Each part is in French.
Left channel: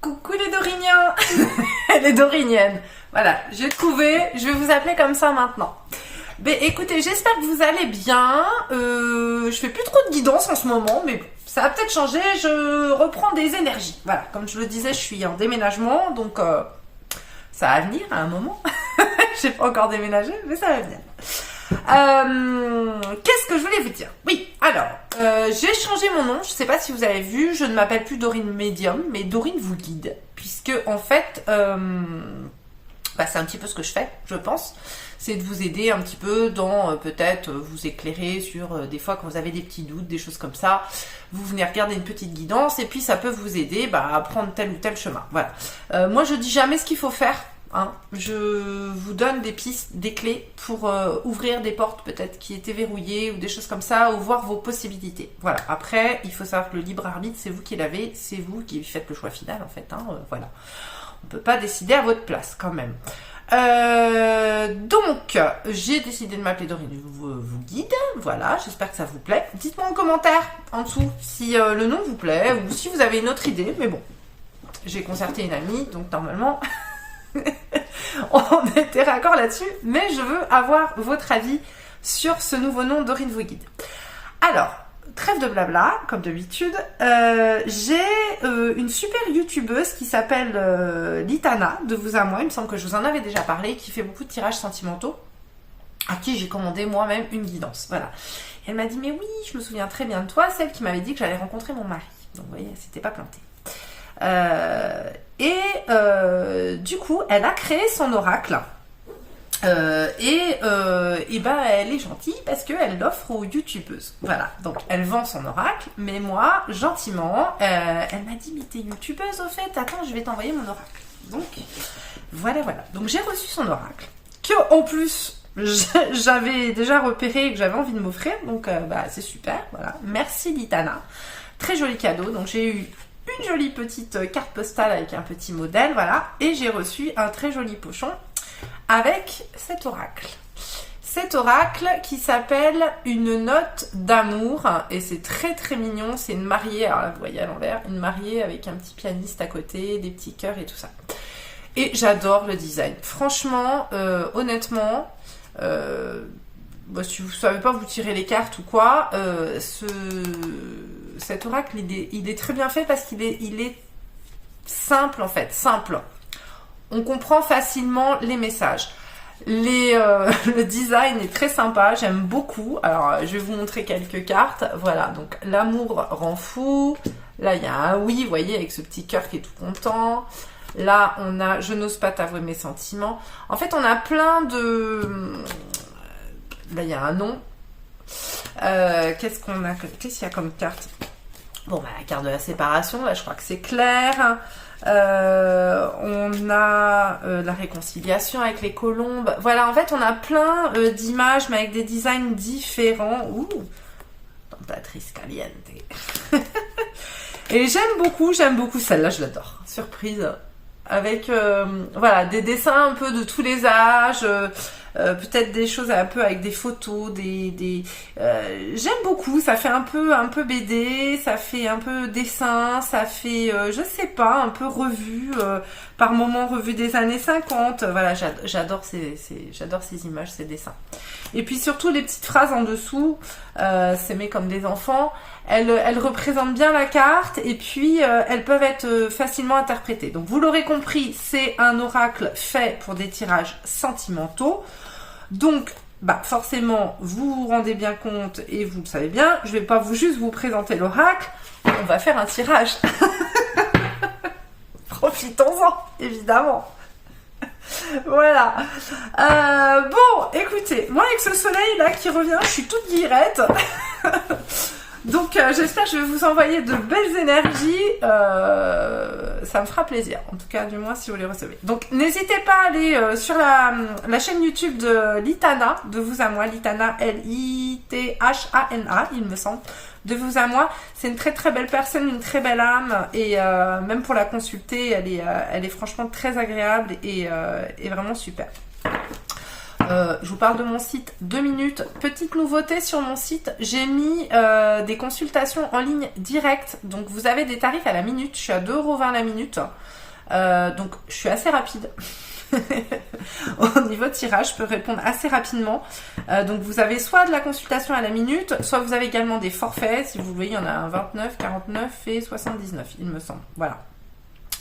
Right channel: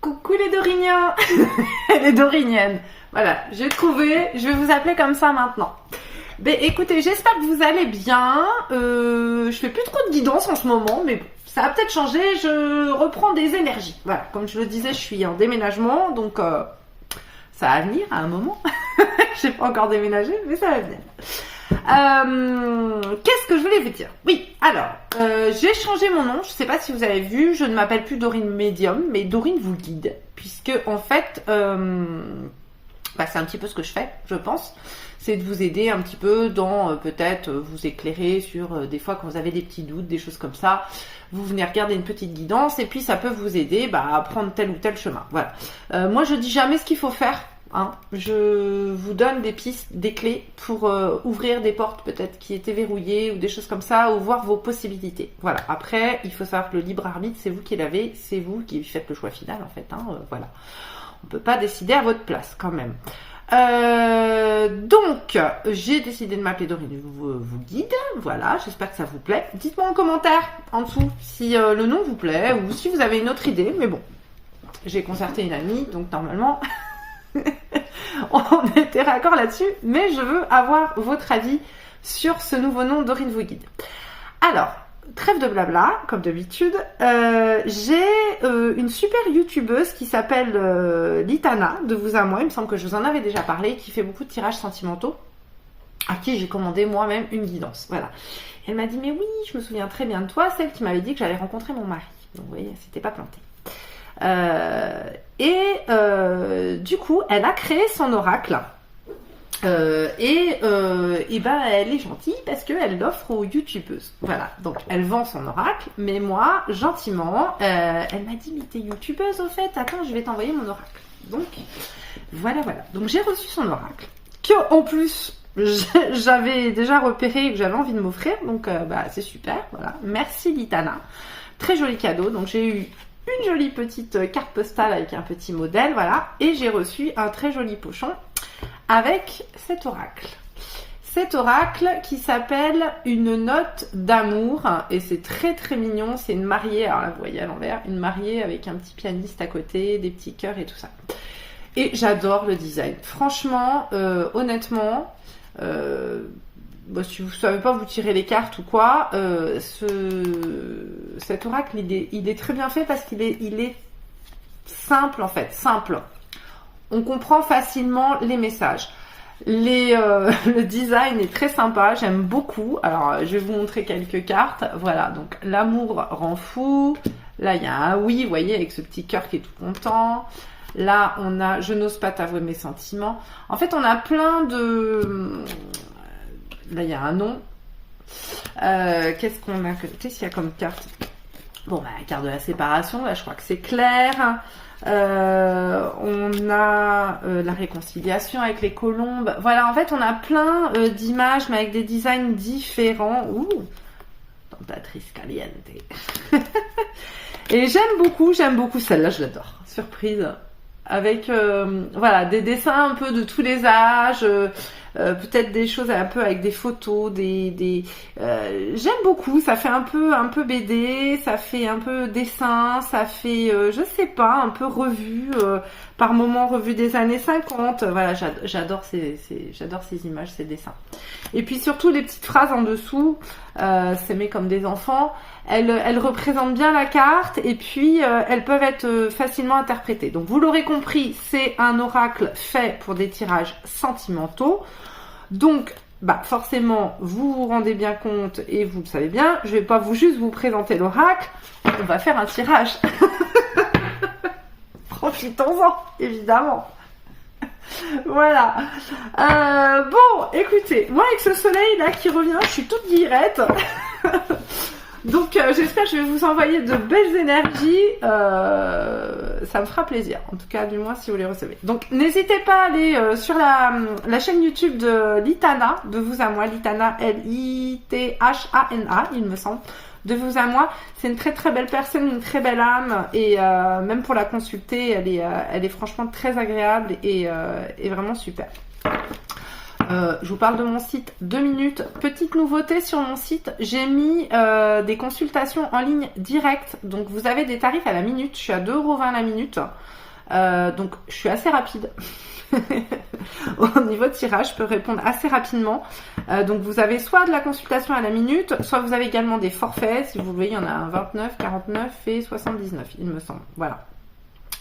Coucou les Doriniens. Les Doriniennes. Voilà, j'ai trouvé, je vais vous appeler comme ça maintenant. Mais écoutez, j'espère que vous allez bien. Je fais plus trop de guidance en ce moment, mais bon, ça a peut-être changé, je reprends des énergies. Voilà, comme je le disais, je suis en déménagement, donc ça va venir à un moment. J'ai pas encore déménagé, mais ça va venir. Qu'est-ce que je voulais vous dire? Oui, alors, j'ai changé mon nom, je sais pas si vous avez vu, je ne m'appelle plus Dorine Médium, mais Dorine vous guide, puisque en fait, c'est un petit peu ce que je fais, je pense, c'est de vous aider un petit peu dans, peut-être, vous éclairer sur, des fois quand vous avez des petits doutes, des choses comme ça, vous venez regarder une petite guidance, et puis ça peut vous aider à prendre tel ou tel chemin, voilà. Moi je dis jamais ce qu'il faut faire, hein. Je vous donne des pistes, des clés pour ouvrir des portes peut-être qui étaient verrouillées ou des choses comme ça, ou voir vos possibilités. Voilà. Après, il faut savoir que le libre arbitre, c'est vous qui l'avez, c'est vous qui faites le choix final en fait. Hein, voilà. On peut pas décider à votre place quand même. Donc, j'ai décidé de m'appeler Dorine vous guide. Voilà, j'espère que ça vous plaît. Dites-moi en commentaire en dessous si le nom vous plaît ou si vous avez une autre idée. Mais bon, j'ai concerté une amie, donc normalement... on était raccord là-dessus, mais je veux avoir votre avis sur ce nouveau nom Dorine vous guide. Alors, trêve de blabla, comme d'habitude, j'ai une super youtubeuse qui s'appelle Litana, de vous à moi, il me semble que je vous en avais déjà parlé, qui fait beaucoup de tirages sentimentaux, à qui j'ai commandé moi-même une guidance. Voilà. Elle m'a dit, mais oui, je me souviens très bien de toi, celle qui m'avait dit que j'allais rencontrer mon mari. Donc vous voyez, elle s'était pas plantée. Du coup, elle a créé son oracle. Elle est gentille parce qu'elle l'offre aux youtubeuses. Voilà, donc elle vend son oracle, mais moi, gentiment, elle m'a dit, mais t'es youtubeuse au fait, attends, je vais t'envoyer mon oracle. Donc, voilà. Donc j'ai reçu son oracle, que en plus, j'avais déjà repéré que j'avais envie de m'offrir, donc c'est super, voilà. Merci Litana, très joli cadeau, donc j'ai eu une jolie petite carte postale avec un petit modèle, voilà, et j'ai reçu un très joli pochon avec cet oracle. Cet oracle qui s'appelle une note d'amour, et c'est très très mignon, c'est une mariée, alors là vous voyez à l'envers, une mariée avec un petit pianiste à côté, des petits cœurs et tout ça. Et j'adore le design. Franchement, honnêtement, si vous ne savez pas vous tirer les cartes ou quoi, cet oracle il est très bien fait parce qu'il est simple en fait, simple. On comprend facilement les messages. Le design est très sympa, j'aime beaucoup. Alors je vais vous montrer quelques cartes. Voilà, donc l'amour rend fou. Là il y a un oui, vous voyez, avec ce petit cœur qui est tout content. Là on a je n'ose pas t'avouer mes sentiments. En fait on a plein de... Là, il y a un nom. Qu'est-ce qu'il y a comme carte? Bon, la carte de la séparation, là, je crois que c'est clair. On a la réconciliation avec les colombes. Voilà, en fait, on a plein d'images, mais avec des designs différents. Ouh, tentatrice caliente. Et j'aime beaucoup celle-là, je l'adore. Surprise. Avec, des dessins un peu de tous les âges... peut-être des choses un peu avec des photos, j'aime beaucoup, ça fait un peu BD, ça fait un peu dessin, ça fait, je sais pas, un peu revue, par moments revue des années 50, voilà, j'adore ces images, ces dessins. Et puis surtout les petites phrases en dessous, s'aimer comme des enfants, elles représentent bien la carte et puis elles peuvent être facilement interprétées. Donc vous l'aurez compris, c'est un oracle fait pour des tirages sentimentaux. Donc, forcément, vous vous rendez bien compte et vous le savez bien, je vais pas juste vous présenter l'oracle, on va faire un tirage. Profitons-en, évidemment. Voilà. Bon, écoutez, moi avec ce soleil là qui revient, je suis toute guillerette. Donc j'espère que je vais vous envoyer de belles énergies, ça me fera plaisir, en tout cas du moins si vous les recevez. Donc n'hésitez pas à aller sur la chaîne YouTube de Litana, de vous à moi, Litana, L-I-T-H-A-N-A, il me semble, de vous à moi. C'est une très très belle personne, une très belle âme, et même pour la consulter, elle est franchement très agréable et vraiment super. Je vous parle de mon site 2 minutes. Petite nouveauté sur mon site, j'ai mis des consultations en ligne directes. Donc vous avez des tarifs à la minute. Je suis à 2,20 € la minute. Donc je suis assez rapide. Au niveau de tirage, je peux répondre assez rapidement. Donc vous avez soit de la consultation à la minute, soit vous avez également des forfaits. Si vous voyez, il y en a un 29, 49 et 79, il me semble. Voilà.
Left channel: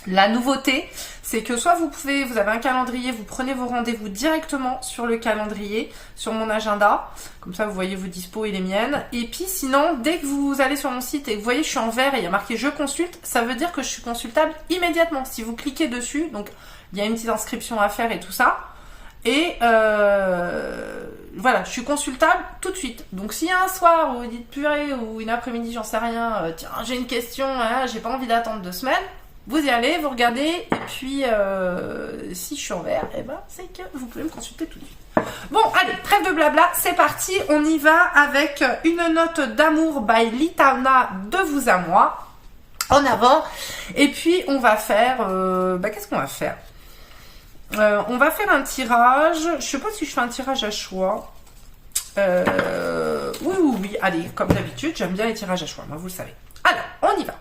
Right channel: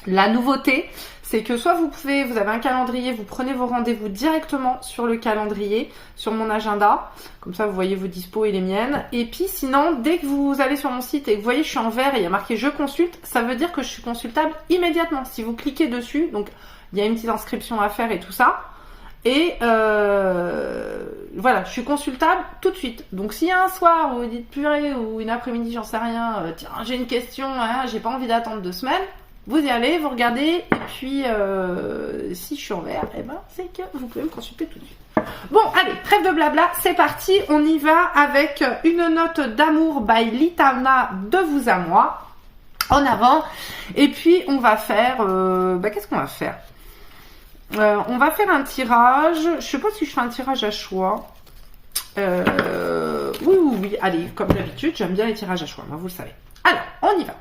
La nouveauté, c'est que soit vous avez un calendrier, vous prenez vos rendez-vous directement sur le calendrier, sur mon agenda, comme ça vous voyez vos dispos et les miennes. Et puis sinon, dès que vous allez sur mon site et que vous voyez je suis en vert et il y a marqué je consulte, ça veut dire que je suis consultable immédiatement. Si vous cliquez dessus, donc il y a une petite inscription à faire et tout ça. Et voilà, je suis consultable tout de suite. Donc s'il y a un soir où vous dites purée ou une après-midi, j'en sais rien, tiens j'ai une question, hein, j'ai pas envie d'attendre 2 semaines. Vous y allez, vous regardez, et puis si je suis en vert, eh ben, c'est que vous pouvez me consulter tout de suite. Bon, allez, trêve de blabla, c'est parti, on y va avec une note d'amour by Litana de vous à moi, en avant. Et puis, on va faire, qu'est-ce qu'on va faire on va faire un tirage, je sais pas si je fais un tirage à choix. Oui, allez, comme d'habitude, j'aime bien les tirages à choix, moi, vous le savez. Alors, on y va.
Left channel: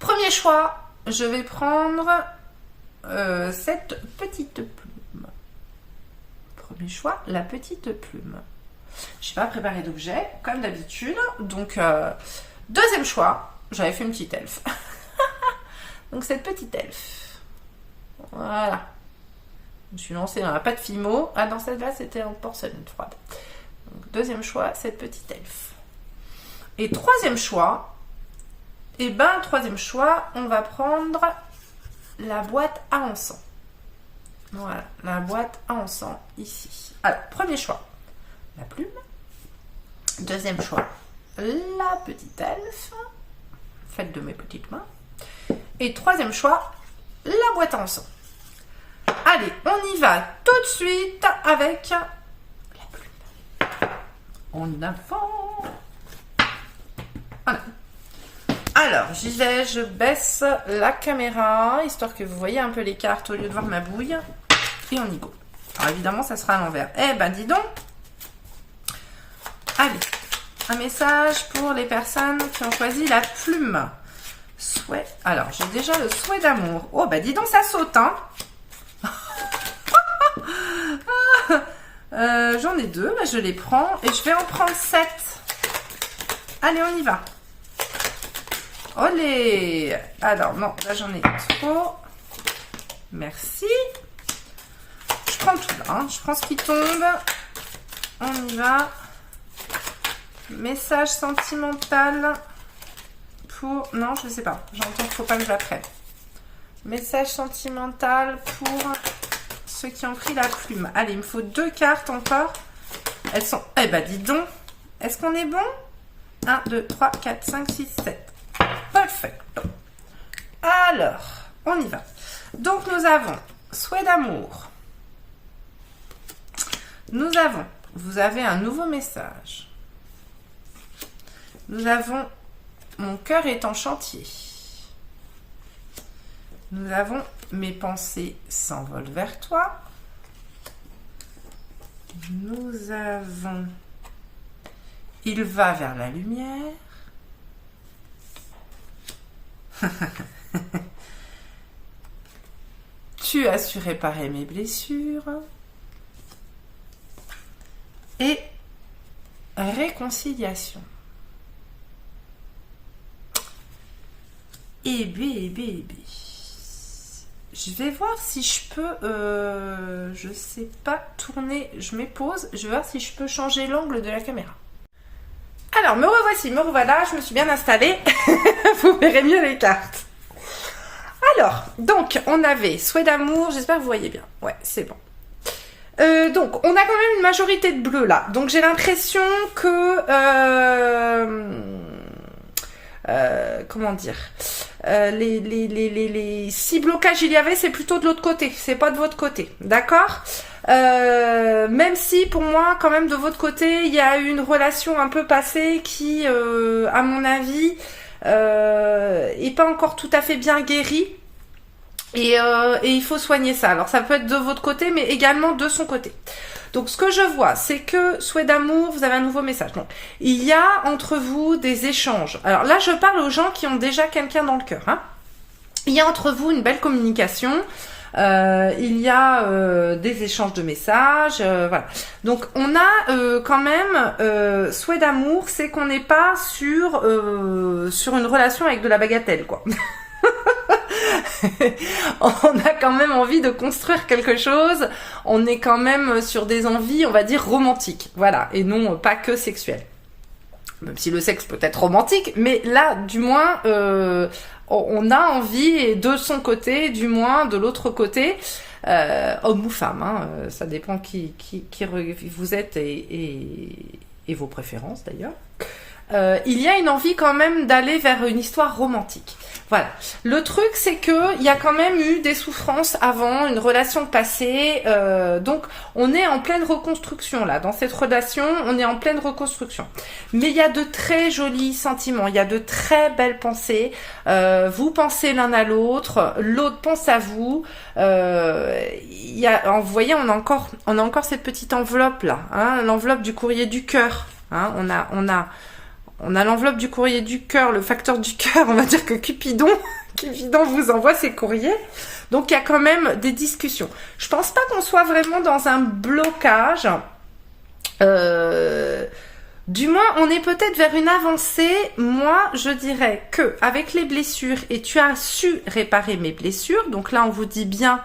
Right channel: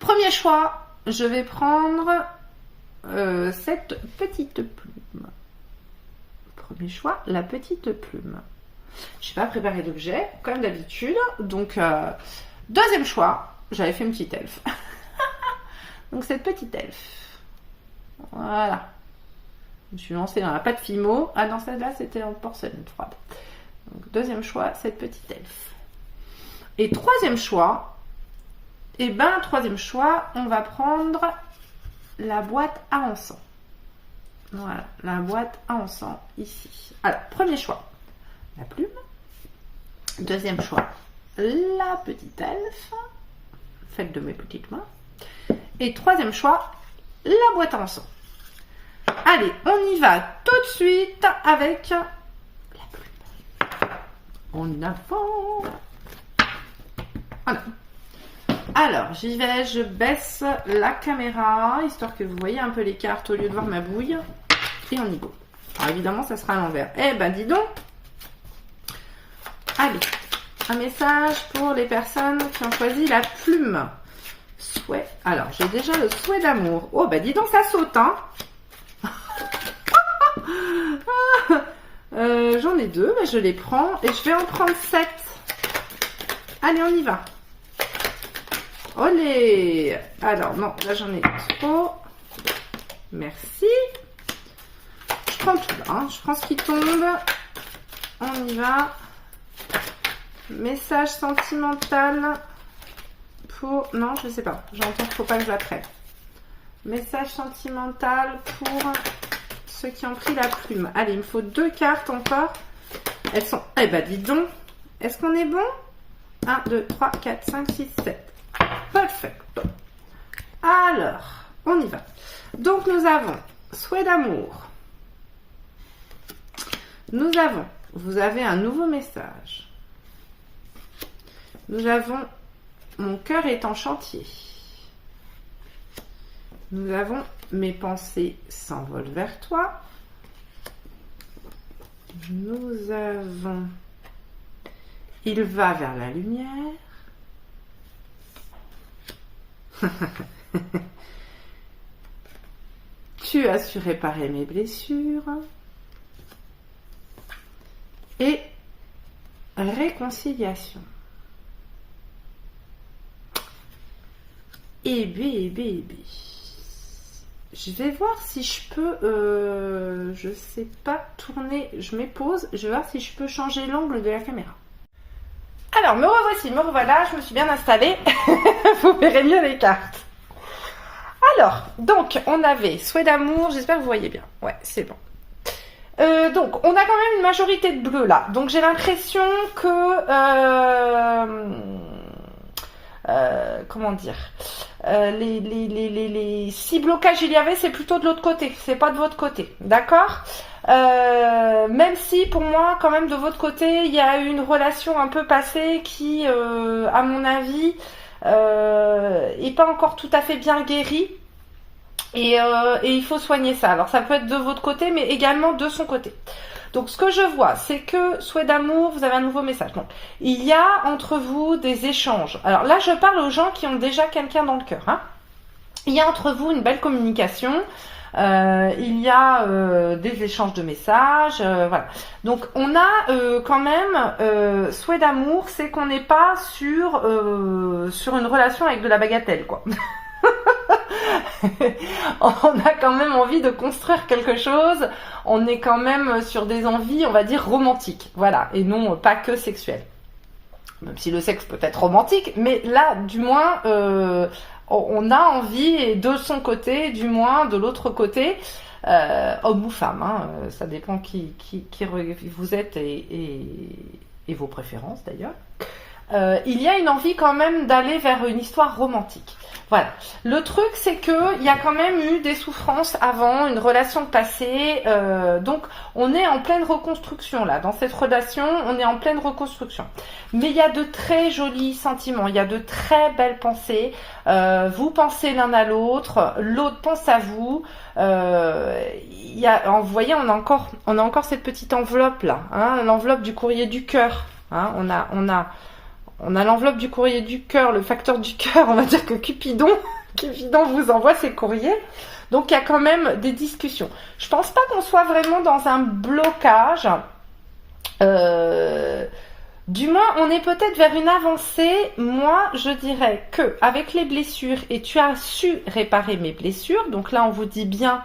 Premier choix, je vais prendre cette petite plume. Premier choix, la petite plume. Je n'ai pas préparé d'objet, comme d'habitude. Donc, deuxième choix, j'avais fait une petite elfe. Donc, cette petite elfe. Voilà. Je me suis lancée dans la pâte Fimo. Ah non, celle-là, c'était en porcelaine froide. Donc, deuxième choix, cette petite elfe. Et troisième choix, troisième choix, on va prendre la boîte à encens. Voilà, la boîte à encens ici. Alors, premier choix, la plume. Deuxième choix, la petite elfe, faite de mes petites mains. Et troisième choix, la boîte à encens. Allez, on y va tout de suite avec la plume. En avant. Voilà. Alors, j'y vais, je baisse la caméra, histoire que vous voyez un peu les cartes au lieu de voir ma bouille. Et on y go. Alors évidemment, ça sera à l'envers. Eh ben, dis donc. Allez, un message pour les personnes qui ont choisi la plume. Souhait. Alors, j'ai déjà le souhait d'amour. Oh, bah dis donc, ça saute, hein. J'en ai 2, mais je les prends. Et je vais en prendre 7. Allez, on y va. Olé! Alors, non, là j'en ai trop. Merci. Je prends tout là, hein. Je prends ce qui tombe. On y va. Message sentimental pour... Non, je sais pas. J'entends qu'il ne faut pas que j'apprenne. Message sentimental pour ceux qui ont pris la plume. Allez, il me faut 2 cartes encore. Elles sont... Eh ben, dis donc. Est-ce qu'on est bon? 1, 2, 3, 4, 5, 6, 7. Parfait. Alors, on y va. Donc, nous avons souhait d'amour. Nous avons, vous avez un nouveau message. Nous avons, mon cœur est en chantier. Nous avons, mes pensées s'envolent vers toi. Nous avons, il va vers la lumière. Tu as su réparer mes blessures. Et réconciliation. Et B. Je vais voir si je peux, je sais pas, tourner. Je mets pause. Je vais voir si je peux changer l'angle de la caméra. Alors, me revoici, me revoilà, je me suis bien installée. Vous verrez mieux les cartes. Alors, donc, on avait souhait d'amour, j'espère que vous voyez bien. Ouais, c'est bon. Donc, on a quand même une majorité de bleu là. Donc, j'ai l'impression que... comment dire, si blocage il y avait, c'est plutôt de l'autre côté, c'est pas de votre côté, d'accord. Même si pour moi quand même de votre côté il y a une relation un peu passée qui à mon avis est pas encore tout à fait bien guérie et il faut soigner ça. Alors ça peut être de votre côté mais également de son côté. Donc ce que je vois, c'est que souhait d'amour, vous avez un nouveau message. Donc il y a entre vous des échanges. Alors là, je parle aux gens qui ont déjà quelqu'un dans le cœur. Hein. Il y a entre vous une belle communication. Il y a des échanges de messages, voilà. Donc on a quand même souhait d'amour, c'est qu'on n'est pas sur une relation avec de la bagatelle, quoi. On a quand même envie de construire quelque chose. On est quand même sur des envies, on va dire romantiques, voilà, et non pas que sexuelles. Même si le sexe peut être romantique, mais là, du moins, on a envie, et de son côté, du moins, de l'autre côté, homme ou femme, hein, ça dépend qui vous êtes et vos préférences d'ailleurs. Il y a une envie quand même d'aller vers une histoire romantique. Voilà. Le truc, c'est que il y a quand même eu des souffrances avant, une relation passée. Donc, on est en pleine reconstruction là. Dans cette relation, on est en pleine reconstruction. Mais il y a de très jolis sentiments. Il y a de très belles pensées. Vous pensez l'un à l'autre. L'autre pense à vous. Vous voyez, on a encore cette petite enveloppe là. Hein, l'enveloppe du courrier du cœur. Hein, on a l'enveloppe du courrier du cœur, le facteur du cœur, on va dire que Cupidon vous envoie ses courriers. Donc il y a quand même des discussions. Je pense pas qu'on soit vraiment dans un blocage. Du moins, on est peut-être vers une avancée. Moi, je dirais que avec les blessures, et tu as su réparer mes blessures, donc là on vous dit bien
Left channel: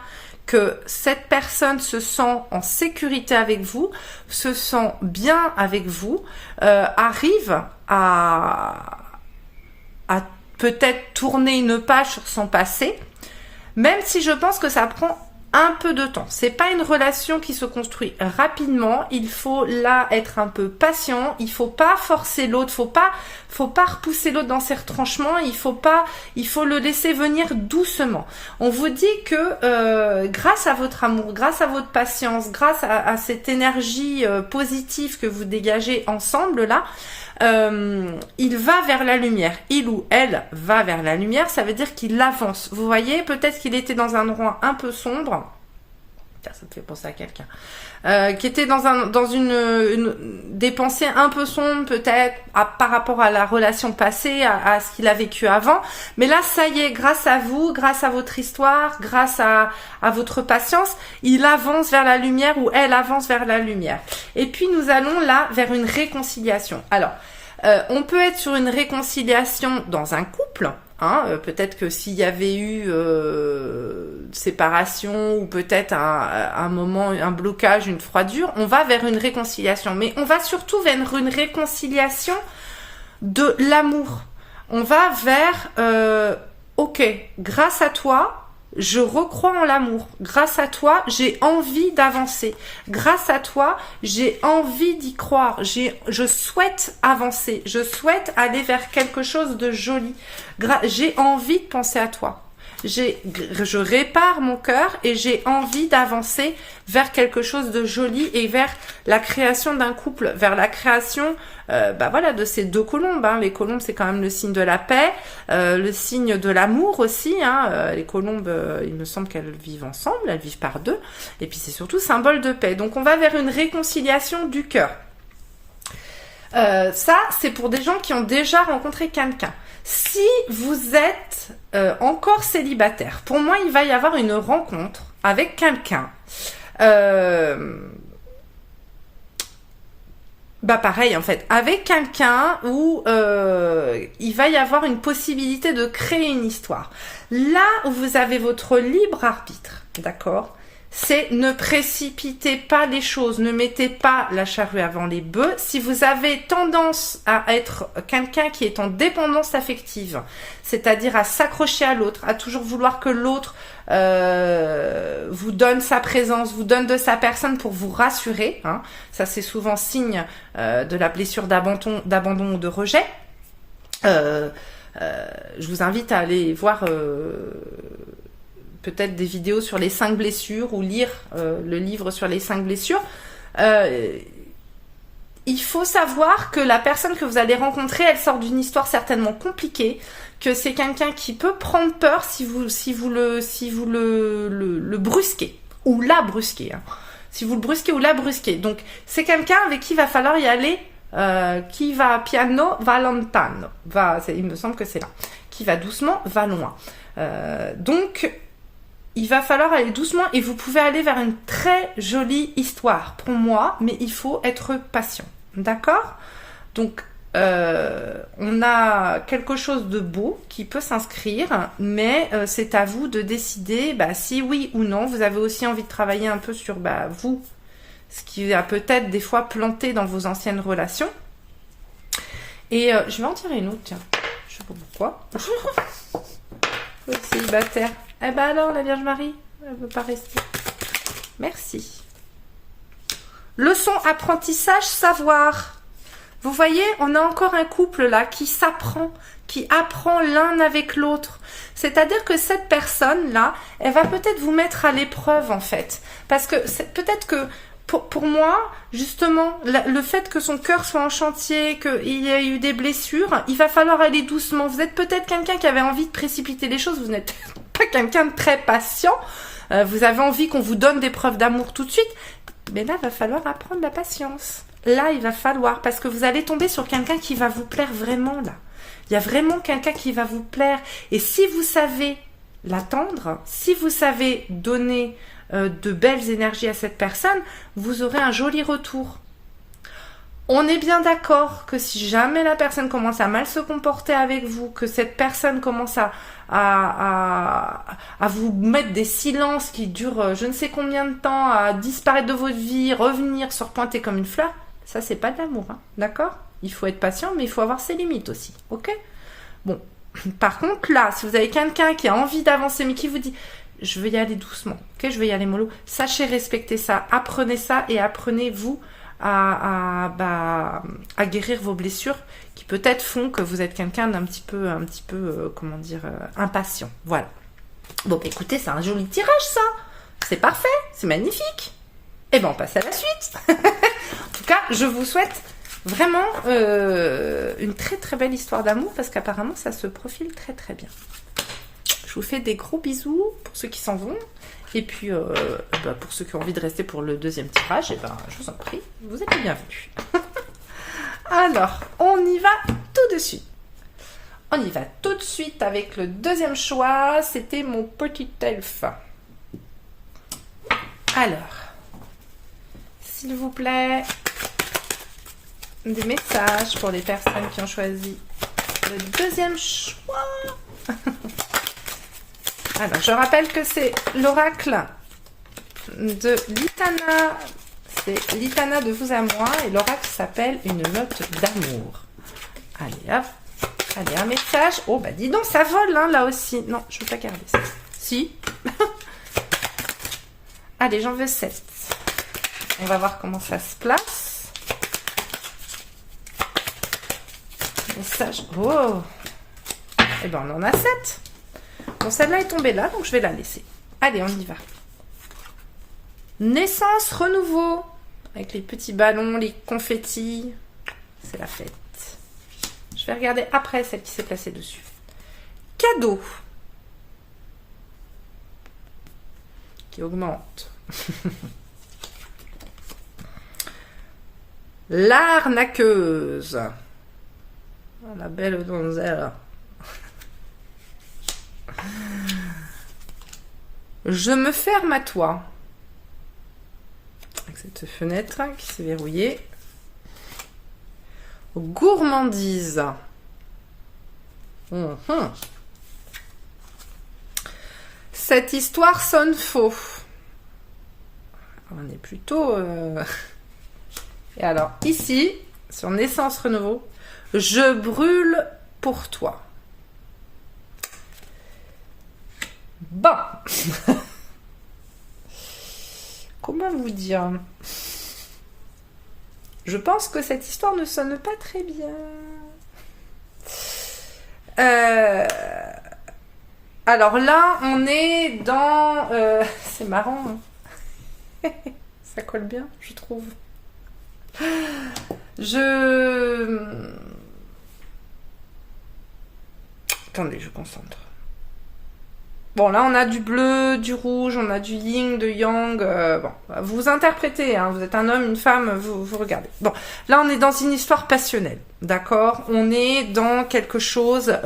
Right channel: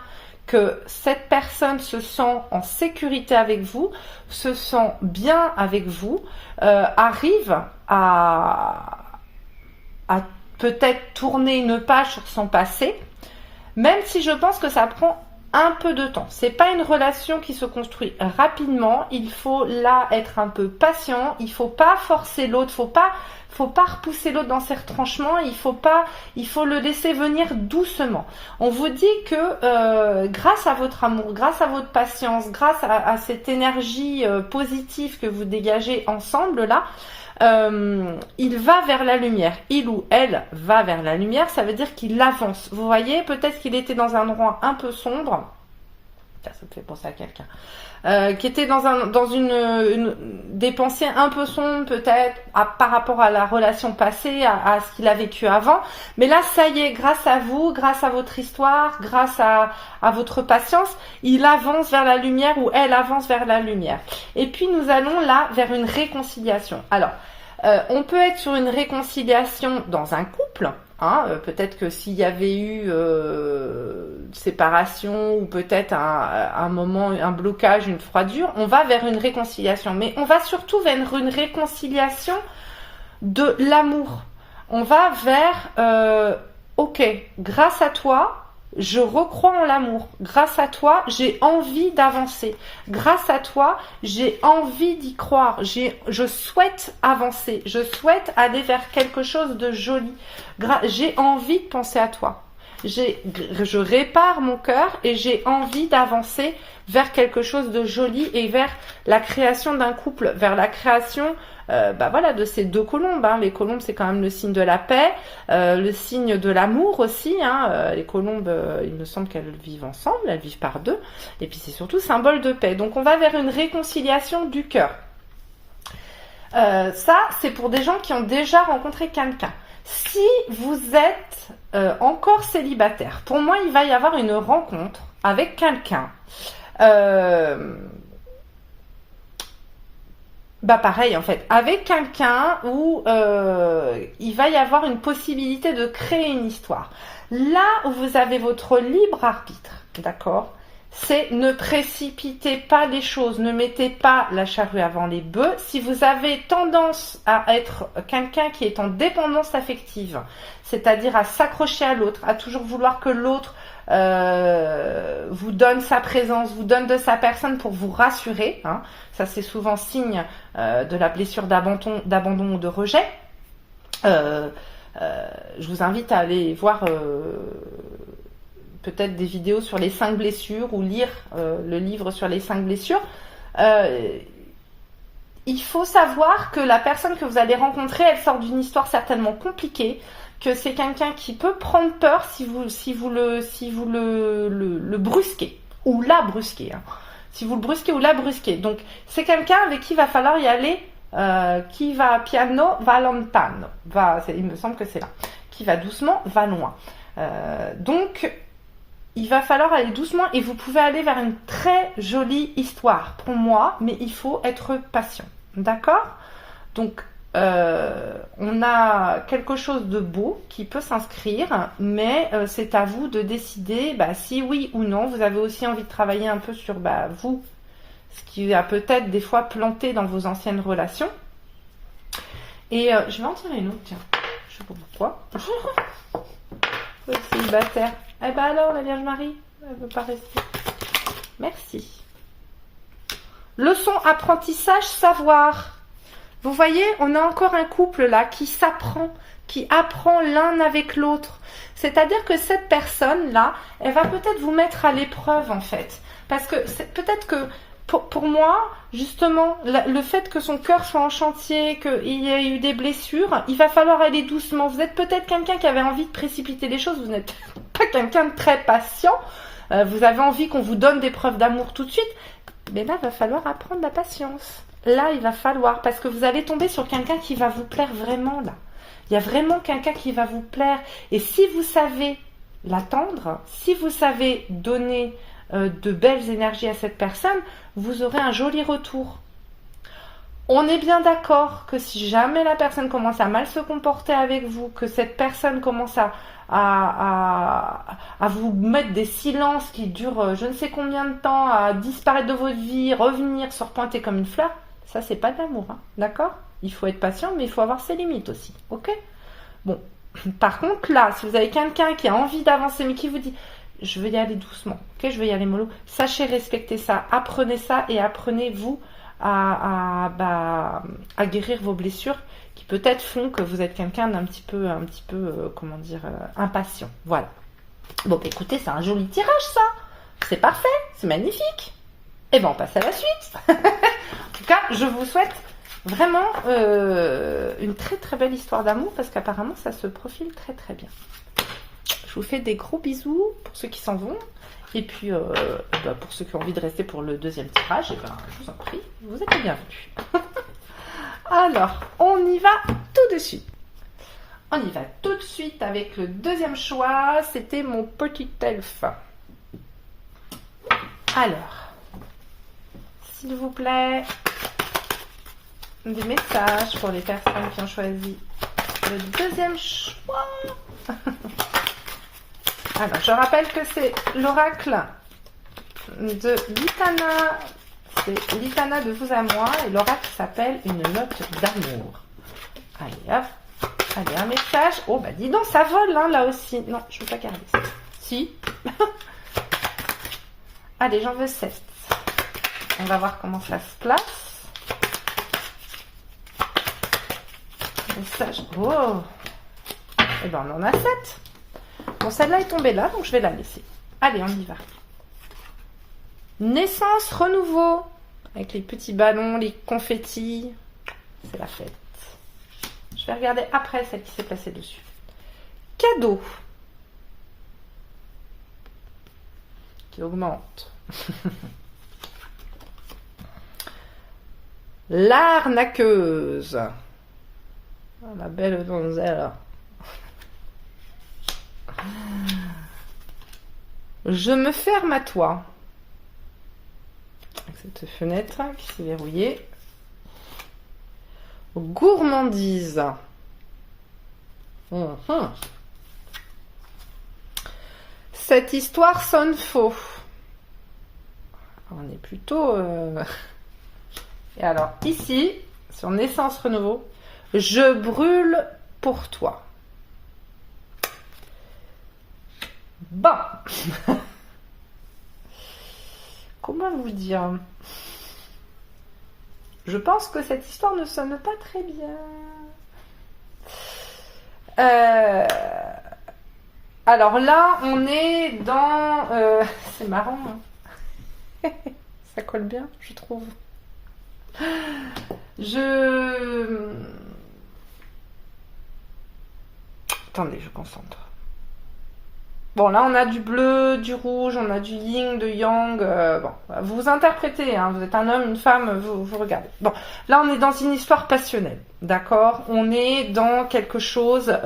que cette personne se sent en sécurité avec vous, se sent bien avec vous, arrive à peut-être tourner une page sur son passé, même si je pense que ça prend un peu de temps. C'est pas une relation qui se construit rapidement. Il faut là être un peu patient. Il faut pas forcer l'autre. Faut pas repousser l'autre dans ses retranchements. Il faut le laisser venir doucement. On vous dit que grâce à votre amour, grâce à votre patience, grâce à cette énergie positive que vous dégagez ensemble là, il va vers la lumière. Il ou elle va vers la lumière, ça veut dire qu'il avance. Vous voyez, peut-être qu'il était dans un endroit un peu sombre. Ça me fait penser à quelqu'un. Qui était dans des pensées un peu sombres, peut-être, par rapport à la relation passée, à ce qu'il a vécu avant. Mais là, ça y est, grâce à vous, grâce à votre histoire, grâce à votre patience, il avance vers la lumière ou elle avance vers la lumière. Et puis, nous allons là vers une réconciliation. Alors, on peut être sur une réconciliation dans un couple. Hein, peut-être que s'il y avait eu séparation ou peut-être un moment, un blocage, une froidure, on va vers une réconciliation. Mais on va surtout vers une réconciliation de l'amour. On va vers, ok, grâce à toi, je recrois en l'amour. Grâce à toi, j'ai envie d'avancer. Grâce à toi, j'ai envie d'y croire. Je souhaite avancer. Je souhaite aller vers quelque chose de joli. J'ai envie de penser à toi. Je répare mon cœur et j'ai envie d'avancer vers quelque chose de joli et vers la création d'un couple, vers la création de ces deux colombes. Hein. Les colombes, c'est quand même le signe de la paix, le signe de l'amour aussi. Hein. Les colombes, il me semble qu'elles vivent ensemble, elles vivent par deux. Et puis c'est surtout symbole de paix. Donc on va vers une réconciliation du cœur. Ça, c'est pour des gens qui ont déjà rencontré quelqu'un. Si vous êtes encore célibataire, pour moi, il va y avoir une rencontre avec quelqu'un. Pareil, en fait, avec quelqu'un où il va y avoir une possibilité de créer une histoire. Là où vous avez votre libre arbitre, d'accord ? C'est ne précipitez pas les choses, ne mettez pas la charrue avant les bœufs. Si vous avez tendance à être quelqu'un qui est en dépendance affective, c'est-à-dire à s'accrocher à l'autre, à toujours vouloir que l'autre vous donne sa présence, vous donne de sa personne pour vous rassurer, hein. Ça c'est souvent signe de la blessure d'abandon ou de rejet. Je vous invite à aller voir peut-être des vidéos sur les 5 blessures ou lire le livre sur les 5 blessures. Il faut savoir que la personne que vous allez rencontrer, elle sort d'une histoire certainement compliquée, que c'est quelqu'un qui peut prendre peur si vous le brusquez ou la brusquez. Hein. Si vous le brusquez ou la brusquez. Donc, c'est quelqu'un avec qui il va falloir y aller, qui va piano, va lontano. Il me semble que c'est là. Qui va doucement, va loin. Donc, il va falloir aller doucement et vous pouvez aller vers une très jolie histoire pour moi, mais il faut être patient. D'accord? Donc, on a quelque chose de beau qui peut s'inscrire, mais c'est à vous de décider si oui ou non. Vous avez aussi envie de travailler un peu sur vous, ce qui a peut-être des fois planté dans vos anciennes relations. Et je vais en tirer une autre, tiens. Je sais pas pourquoi. L'autre célibataire. Eh ben alors, la Vierge Marie, elle veut pas rester. Merci. Leçon, apprentissage, savoir. Vous voyez, on a encore un couple là qui s'apprend, qui apprend l'un avec l'autre. C'est-à-dire que cette personne-là, elle va peut-être vous mettre à l'épreuve en fait. Parce que peut-être que pour moi, justement, le fait que son cœur soit en chantier, qu'il y ait eu des blessures, il va falloir aller doucement. Vous êtes peut-être quelqu'un qui avait envie de précipiter les choses, vous n'êtes pas quelqu'un de très patient, vous avez envie qu'on vous donne des preuves d'amour tout de suite, mais là, il va falloir apprendre la patience. Là, il va falloir, parce que vous allez tomber sur quelqu'un qui va vous plaire vraiment, là. Il y a vraiment quelqu'un qui va vous plaire. Et si vous savez l'attendre, si vous savez donner de belles énergies à cette personne, vous aurez un joli retour. On est bien d'accord que si jamais la personne commence à mal se comporter avec vous, que cette personne commence à vous mettre des silences qui durent je ne sais combien de temps, à disparaître de votre vie, revenir, se repointer comme une fleur, ça c'est pas de l'amour, hein, d'accord? Il faut être patient, mais il faut avoir ses limites aussi, ok? Bon, par contre là, si vous avez quelqu'un qui a envie d'avancer, mais qui vous dit je vais y aller doucement, ok, je vais y aller mollo, sachez respecter ça et apprenez-vous à guérir vos blessures qui peut-être font que vous êtes quelqu'un d'un petit peu impatient. Voilà. Bon, écoutez, c'est un joli tirage ça. C'est parfait, c'est magnifique. Et ben on passe à la suite. En tout cas, je vous souhaite vraiment une très très belle histoire d'amour parce qu'apparemment ça se profile très très bien. Je vous fais des gros bisous pour ceux qui s'en vont. Et puis, pour ceux qui ont envie de rester pour le deuxième tirage, je vous en prie, vous êtes les bienvenus. Alors, on y va tout de suite. On y va tout de suite avec le deuxième choix. C'était mon petit elfe. Alors, s'il vous plaît, des messages pour les personnes qui ont choisi le deuxième choix. Alors, je rappelle que c'est l'oracle de Litana. C'est Litana de vous à moi. Et l'oracle s'appelle une note d'amour. Allez, hop. Allez, un message. Oh, bah dis donc, ça vole, hein, là aussi. Non, je ne veux pas garder ça. Si. Allez, j'en veux 7. On va voir comment ça se place. Message. Oh. Eh ben, on en a 7. Bon, celle-là est tombée là, donc je vais la laisser. Allez, on y va. Naissance, renouveau. Avec les petits ballons, les confettis. C'est la fête. Je vais regarder après celle qui s'est placée dessus. Cadeau. Qui augmente. L'arnaqueuse. Oh, la belle donzelle. Je me ferme à toi. Avec cette fenêtre qui s'est verrouillée. Gourmandise. Cette histoire sonne faux. On est plutôt... Et alors, ici, sur Naissance Renouveau, je brûle pour toi. Bon. Comment vous dire? Je pense que cette histoire ne sonne pas très bien. Alors là, on est dans... c'est marrant. Hein. Ça colle bien, je trouve. Attendez, je concentre. Bon, là, on a du bleu, du rouge, on a du yin, de yang. Bon, vous interprétez, hein, vous êtes un homme, une femme, vous regardez. Bon, là, on est dans une histoire passionnelle, d'accord? On est dans quelque chose...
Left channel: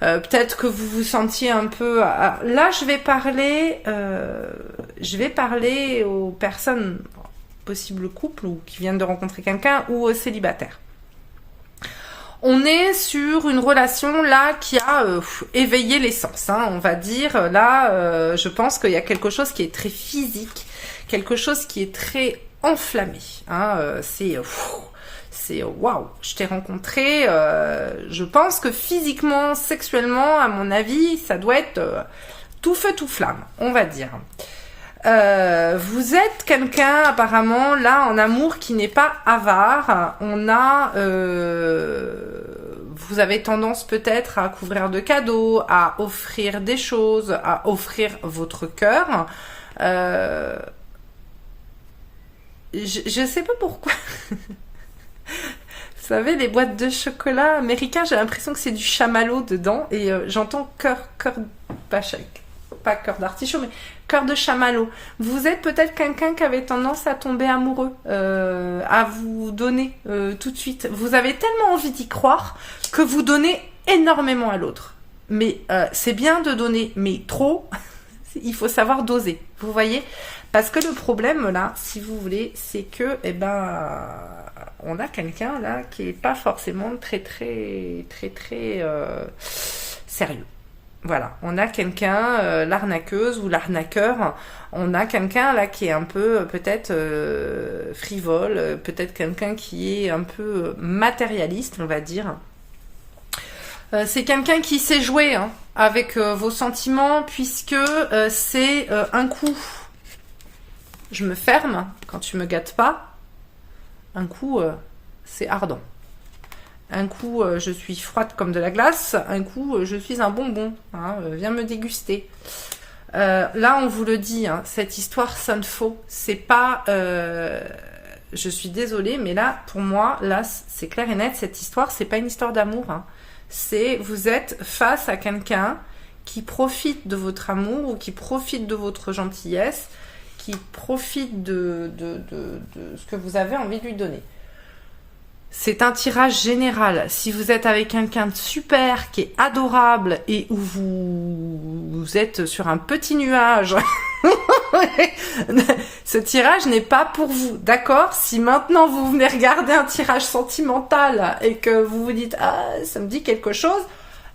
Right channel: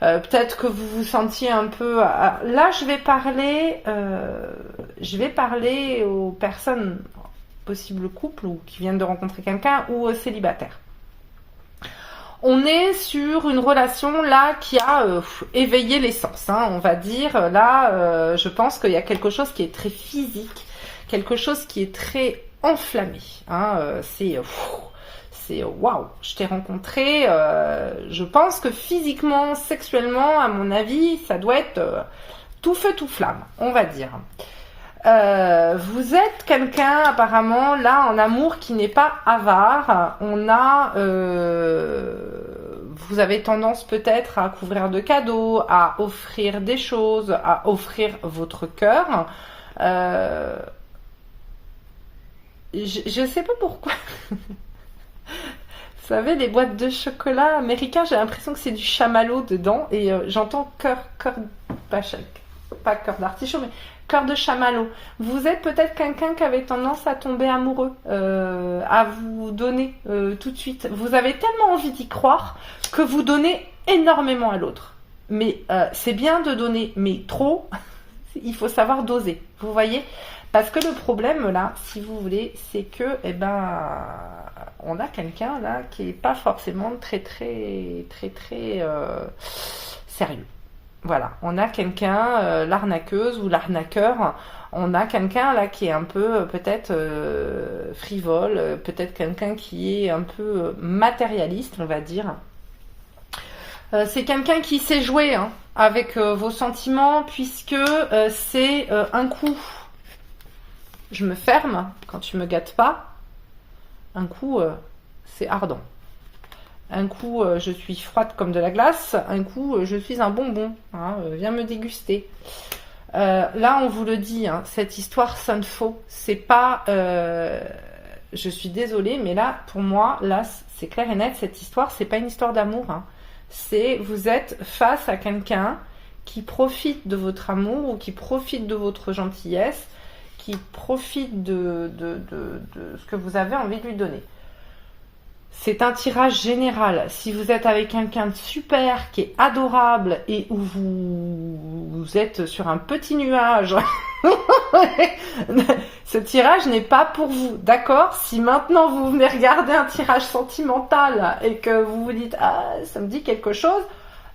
peut-être que vous vous sentiez un peu... Là, je vais parler aux personnes, possibles couples, ou qui viennent de rencontrer quelqu'un, ou aux célibataires. On est sur une relation là qui a éveillé les sens, hein, on va dire. Là, je pense qu'il y a quelque chose qui est très physique, quelque chose qui est très enflammé. Hein, c'est waouh, je t'ai rencontré. Je pense que physiquement, sexuellement, à mon avis, ça doit être tout feu, tout flamme, on va dire. Vous êtes quelqu'un apparemment là en amour qui n'est pas avare. Vous avez tendance peut-être à couvrir de cadeaux, à offrir des choses, à offrir votre cœur. Je sais pas pourquoi. Vous savez, les boîtes de chocolat américains, j'ai l'impression que c'est du chamallow dedans et j'entends cœur, pas cœur d'artichaut, mais cœur de chamallow. Vous êtes peut-être quelqu'un qui avait tendance à tomber amoureux, à vous donner tout de suite. Vous avez tellement envie d'y croire que vous donnez énormément à l'autre. Mais c'est bien de donner, mais trop, il faut savoir doser. Vous voyez ? Parce que le problème là, si vous voulez, c'est que, on a quelqu'un là qui est pas forcément très sérieux. Voilà, on a quelqu'un, l'arnaqueuse ou l'arnaqueur, on a quelqu'un là qui est un peu peut-être frivole, peut-être quelqu'un qui est un peu matérialiste, on va dire. C'est quelqu'un qui sait jouer hein, avec vos sentiments, puisque c'est un coup, je me ferme quand tu me gâtes pas, un coup, c'est ardent. Un coup, je suis froide comme de la glace. Un coup, je suis un bonbon. Hein, viens me déguster. Là, on vous le dit, hein, cette histoire sonne faux. C'est pas... je suis désolée, mais là, pour moi, là, c'est clair et net. Cette histoire, c'est pas une histoire d'amour. Hein. C'est vous êtes face à quelqu'un qui profite de votre amour ou qui profite de votre gentillesse, qui profite de ce que vous avez envie de lui donner. C'est un tirage général. Si vous êtes avec quelqu'un de super, qui est adorable et où vous êtes sur un petit nuage, ce tirage n'est pas pour vous, d'accord ? Si maintenant vous venez regarder un tirage sentimental et que vous vous dites « Ah, ça me dit quelque chose »,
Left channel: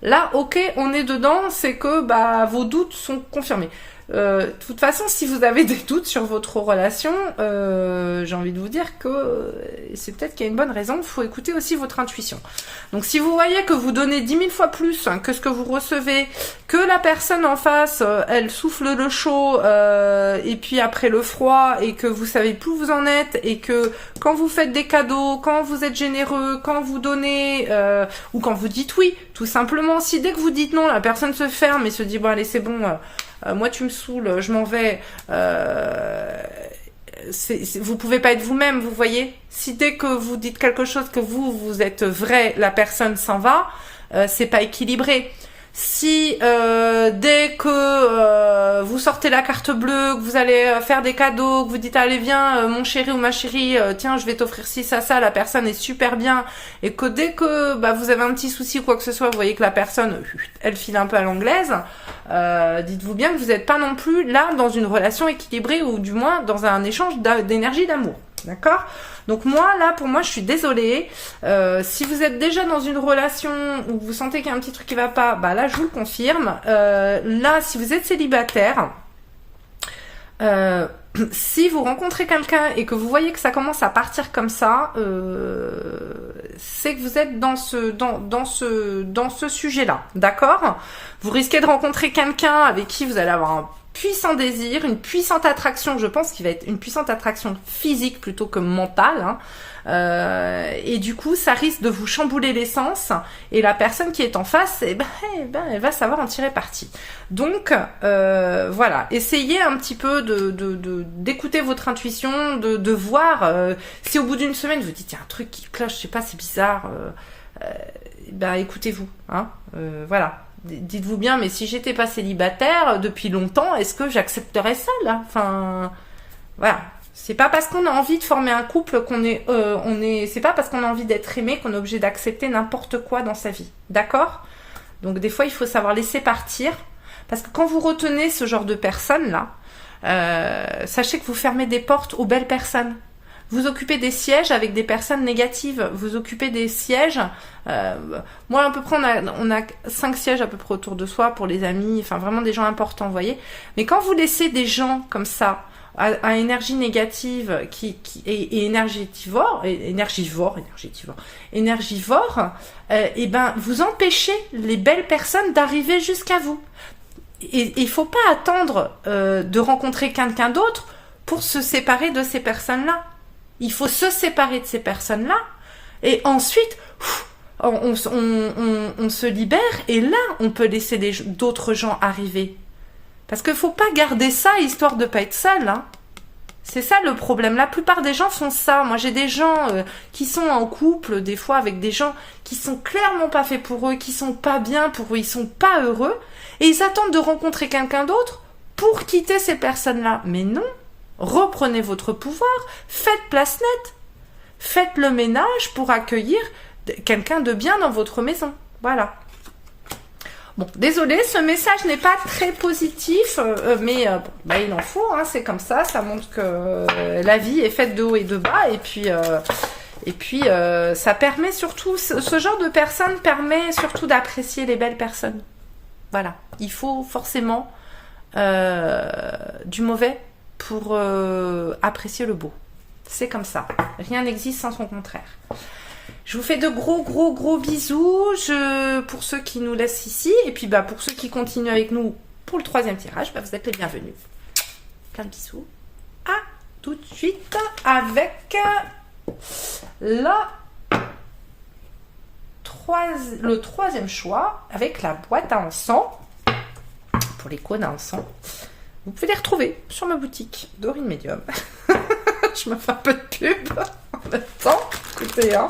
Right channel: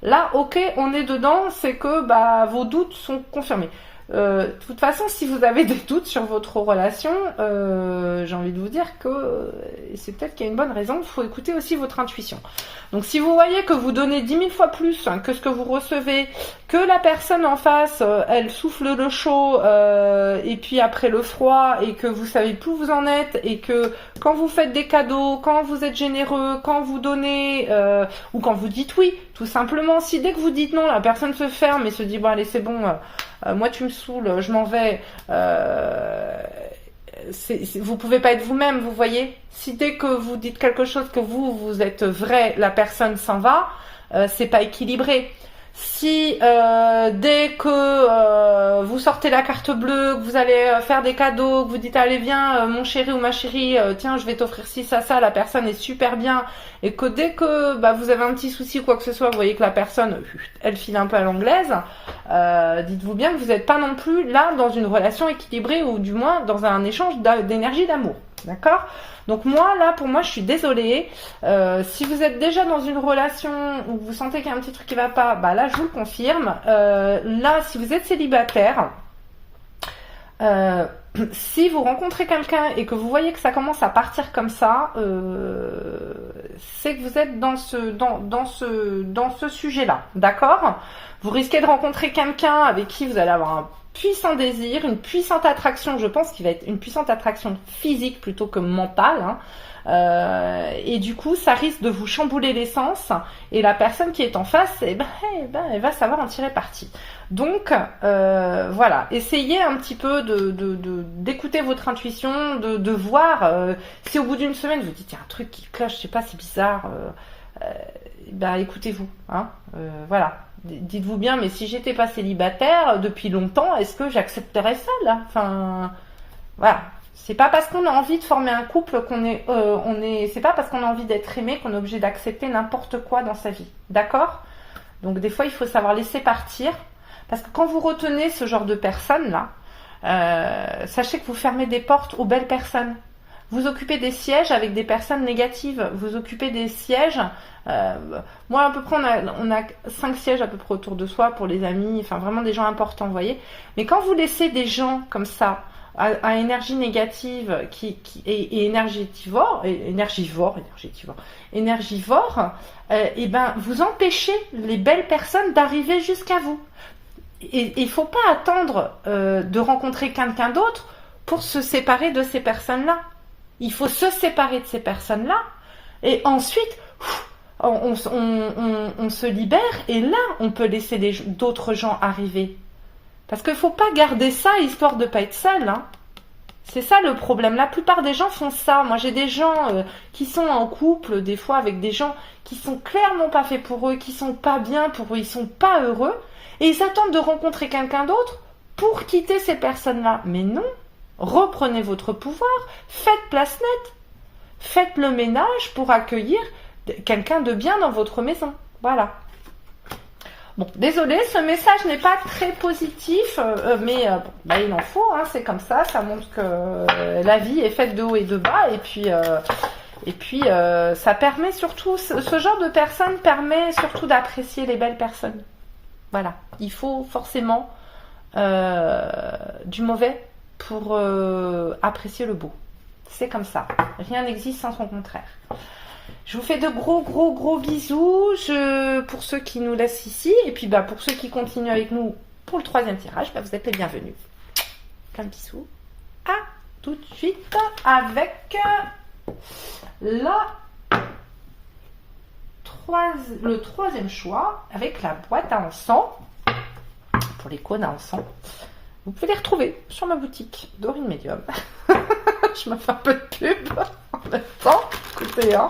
là, ok, on est dedans, c'est que vos doutes sont confirmés. De toute façon, si vous avez des doutes sur votre relation, j'ai envie de vous dire que c'est peut-être qu'il y a une bonne raison. Il faut écouter aussi votre intuition. Donc, si vous voyez que vous donnez 10 000 fois plus que ce que vous recevez, que la personne en face, elle souffle le chaud, et puis après le froid, et que vous savez plus où vous en êtes, et que quand vous faites des cadeaux, quand vous êtes généreux, quand vous donnez, ou quand vous dites oui, tout simplement, si dès que vous dites non, la personne se ferme et se dit bon allez c'est bon. Moi tu me saoules, je m'en vais. Vous pouvez pas être vous-même, vous voyez. Si dès que vous dites quelque chose que vous êtes vrai, la personne s'en va, c'est pas équilibré. Si dès que vous sortez la carte bleue, que vous allez faire des cadeaux, que vous dites allez viens mon chéri ou ma chérie, tiens je vais t'offrir ci ça, la personne est super bien, et que dès que vous avez un petit souci ou quoi que ce soit, vous voyez que la personne elle file un peu à l'anglaise, dites-vous bien que vous n'êtes pas non plus là dans une relation équilibrée, ou du moins dans un échange d'énergie, d'amour, d'accord ? Donc moi, là, pour moi, je suis désolée. Si vous êtes déjà dans une relation où vous sentez qu'il y a un petit truc qui va pas, là, je vous le confirme. Là, si vous êtes célibataire, si vous rencontrez quelqu'un et que vous voyez que ça commence à partir comme ça, c'est que vous êtes dans ce sujet-là, d'accord ? Vous risquez de rencontrer quelqu'un avec qui vous allez avoir un puissant désir, une puissante attraction, je pense qu'il va être une puissante attraction physique plutôt que mentale, hein. Et du coup ça risque de vous chambouler l'essence, et la personne qui est en face, elle va savoir en tirer parti. Donc voilà, essayez un petit peu d'écouter votre intuition, de voir si au bout d'une semaine vous dites il y a un truc qui cloche, je sais pas, c'est bizarre, écoutez-vous, hein, voilà. Dites-vous bien, mais si j'étais pas célibataire depuis longtemps, est-ce que j'accepterais ça, là? Enfin, voilà. C'est pas parce qu'on a envie de former un couple c'est pas parce qu'on a envie d'être aimé qu'on est obligé d'accepter n'importe quoi dans sa vie. D'accord? Donc, des fois, il faut savoir laisser partir. Parce que quand vous retenez ce genre de personnes-là, sachez que vous fermez des portes aux belles personnes. Vous occupez des sièges avec des personnes négatives. Vous occupez des sièges. Moi, à peu près, on a 5 sièges à peu près autour de soi pour les amis. Enfin, vraiment des gens importants, vous voyez. Mais quand vous laissez des gens comme ça, à énergie négative et énergivore, et ben, vous empêchez les belles personnes d'arriver jusqu'à vous. Et il faut pas attendre de rencontrer quelqu'un d'autre pour se séparer de ces personnes-là. Il faut se séparer de ces personnes-là et ensuite on se libère et là on peut laisser d'autres gens arriver. Parce qu'il faut pas garder ça histoire de pas être seul. Hein. C'est ça le problème. La plupart des gens font ça. Moi j'ai des gens qui sont en couple des fois avec des gens qui sont clairement pas faits pour eux, qui sont pas bien pour eux, ils sont pas heureux. Et ils attendent de rencontrer quelqu'un d'autre pour quitter ces personnes-là. Mais non, reprenez votre pouvoir, faites place nette. Faites le ménage pour accueillir quelqu'un de bien dans votre maison. Voilà. Bon, désolé, ce message n'est pas très positif, mais il en faut, hein, c'est comme ça. Ça montre que la vie est faite de haut et de bas. Et puis, ça permet surtout, ce genre de personnes permet surtout d'apprécier les belles personnes. Voilà, il faut forcément du mauvais pour apprécier le beau. C'est comme ça. Rien n'existe sans son contraire. Je vous fais de gros bisous pour ceux qui nous laissent ici. Et puis pour ceux qui continuent avec nous pour le 3e tirage, vous êtes les bienvenus. Plein de bisous. À tout de suite avec le 3e choix avec la boîte à encens. Pour les cônes à encens. Vous pouvez les retrouver sur ma boutique Dorine Medium. Je me fais un peu de pub en même temps. Écoutez, hein.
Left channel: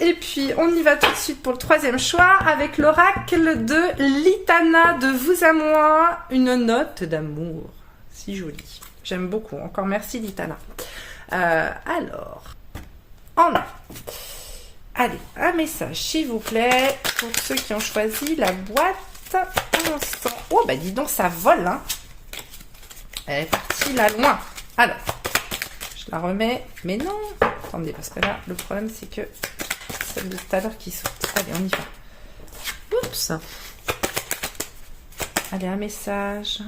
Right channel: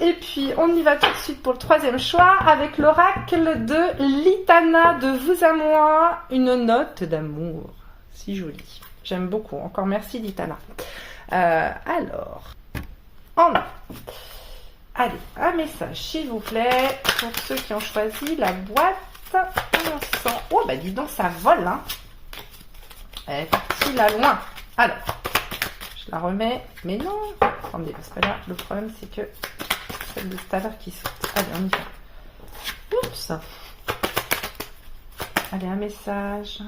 Et puis on y va tout de suite pour le 3e choix avec l'oracle de Litana, de vous à moi, une note d'amour. Si joli. J'aime beaucoup. Encore merci Litana. Alors, allez, un message s'il vous plaît pour ceux qui ont choisi la boîte encens. Oh dis donc ça vole, hein. Elle est partie là loin. Alors, je la remets, mais non. Attendez, parce que là, le problème c'est que celle de tout à l'heure qui saute. Allez, on y va. Oups. Allez, un message.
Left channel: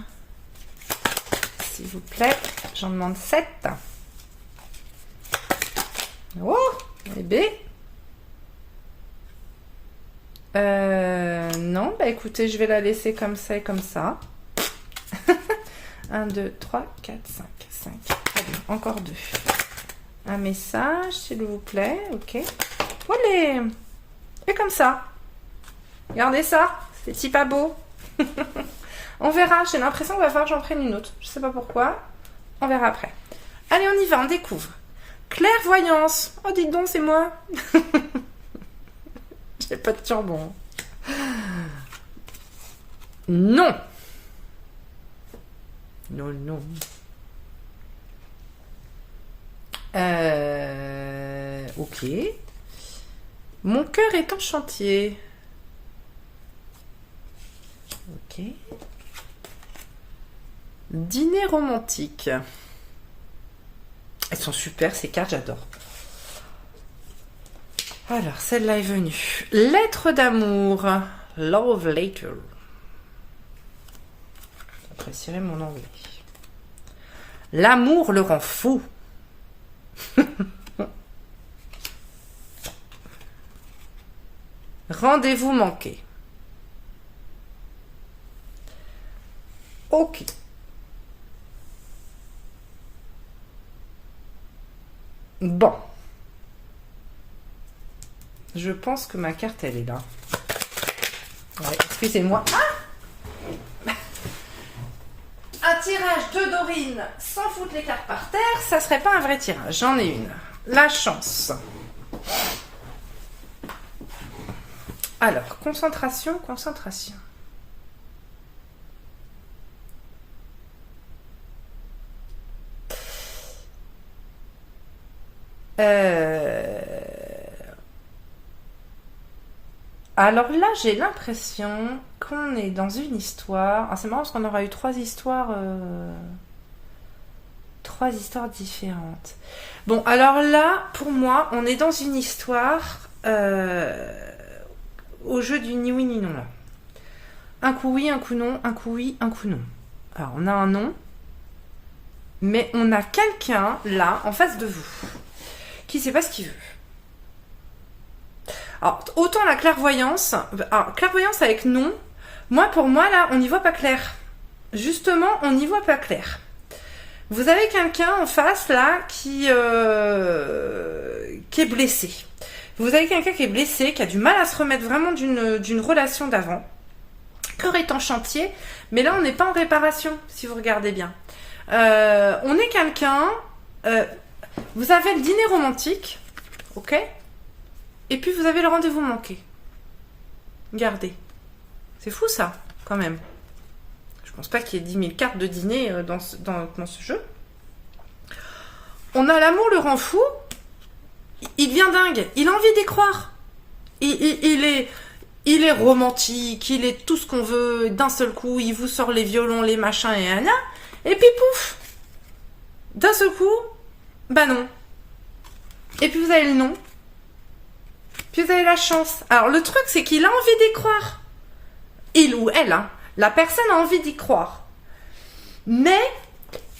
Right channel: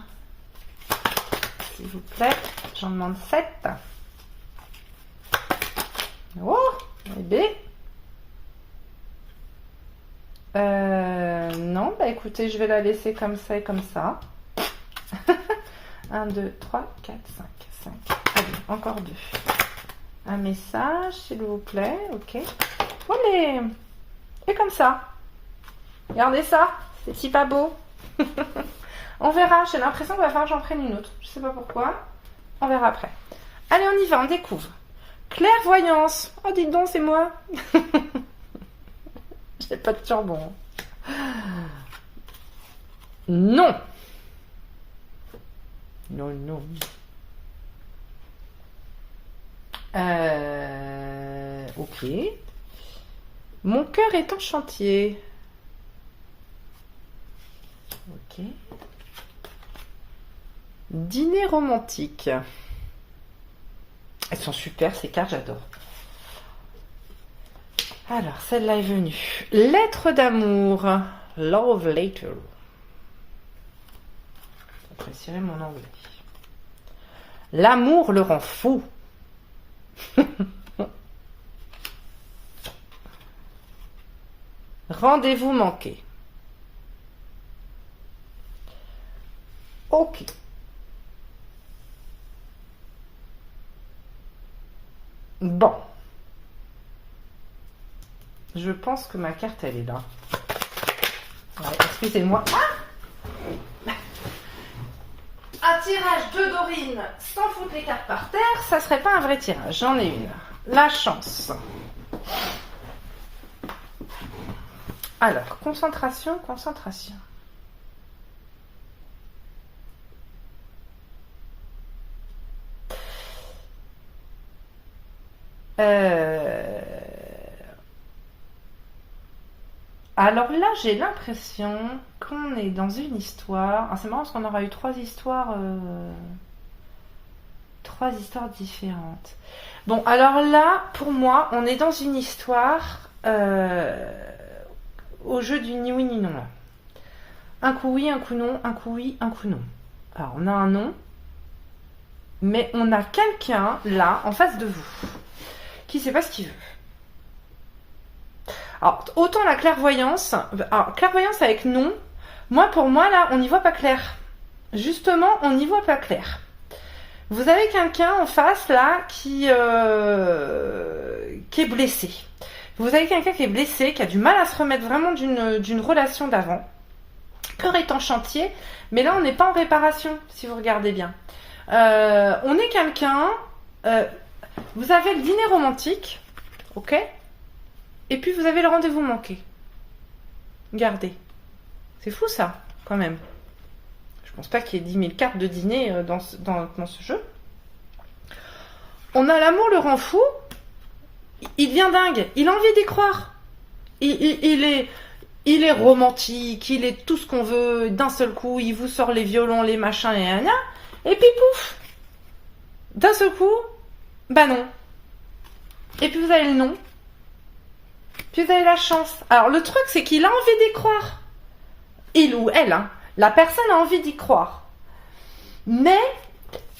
S'il vous plaît, j'en demande 7. Oh, bébé. Non, écoutez, je vais la laisser comme ça et comme ça. 1, 2, 3, 4, 5. Allez, encore 2. Un message, s'il vous plaît. Ok. Allez. Et comme ça. Regardez ça. C'est pas beau. On verra. J'ai l'impression qu'il va falloir que j'en prenne une autre. Je sais pas pourquoi. On verra après. Allez, on y va. On découvre. Clairvoyance. Oh, dites donc, c'est moi. J'ai pas de turbon. Non. Non. Ok. Mon cœur est en chantier. Ok. Dîner romantique. Elles sont super, ces cartes, j'adore. Alors, celle-là est venue. Lettre d'amour. Love letter. J'apprécierais mon anglais. L'amour le rend fou. Rendez-vous manqué. Ok. Bon. Je pense que ma carte, elle est là. Ouais, excusez-moi. Ah, un tirage de Dorine sans foutre les cartes par terre, ça serait pas un vrai tirage. J'en ai une. La chance. Alors, concentration. Alors là, j'ai l'impression qu'on est dans une histoire. Ah, c'est marrant parce qu'on aura eu trois histoires différentes. Bon, alors là, pour moi, on est dans une histoire au jeu du ni oui ni non là. Un coup oui, un coup non, un coup oui, un coup non. Alors, on a un non, mais on a quelqu'un là, en face de vous, qui sait pas ce qu'il veut. Alors, autant la clairvoyance, avec non, pour moi, là, on n'y voit pas clair. Justement, on n'y voit pas clair. Vous avez quelqu'un en face, là, qui est blessé. Vous avez quelqu'un qui est blessé, qui a du mal à se remettre vraiment d'une relation d'avant. Cœur est en chantier, mais là, on n'est pas en réparation, si vous regardez bien. On est quelqu'un... vous avez le dîner romantique, ok ? Et puis vous avez le rendez-vous manqué. Regardez. C'est fou ça, quand même. Je pense pas qu'il y ait 10 000 cartes de dîner dans ce jeu. On a l'amour le rend fou. Il devient dingue. Il a envie d'y croire. Il est romantique. Il est tout ce qu'on veut. D'un seul coup, il vous sort les violons, les machins et rien. Et puis pouf. D'un seul coup, bah non. Et puis vous avez le non. Puis vous avez la chance. Alors le truc, c'est qu'il a envie d'y croire. Il ou elle, hein. La personne a envie d'y croire. Mais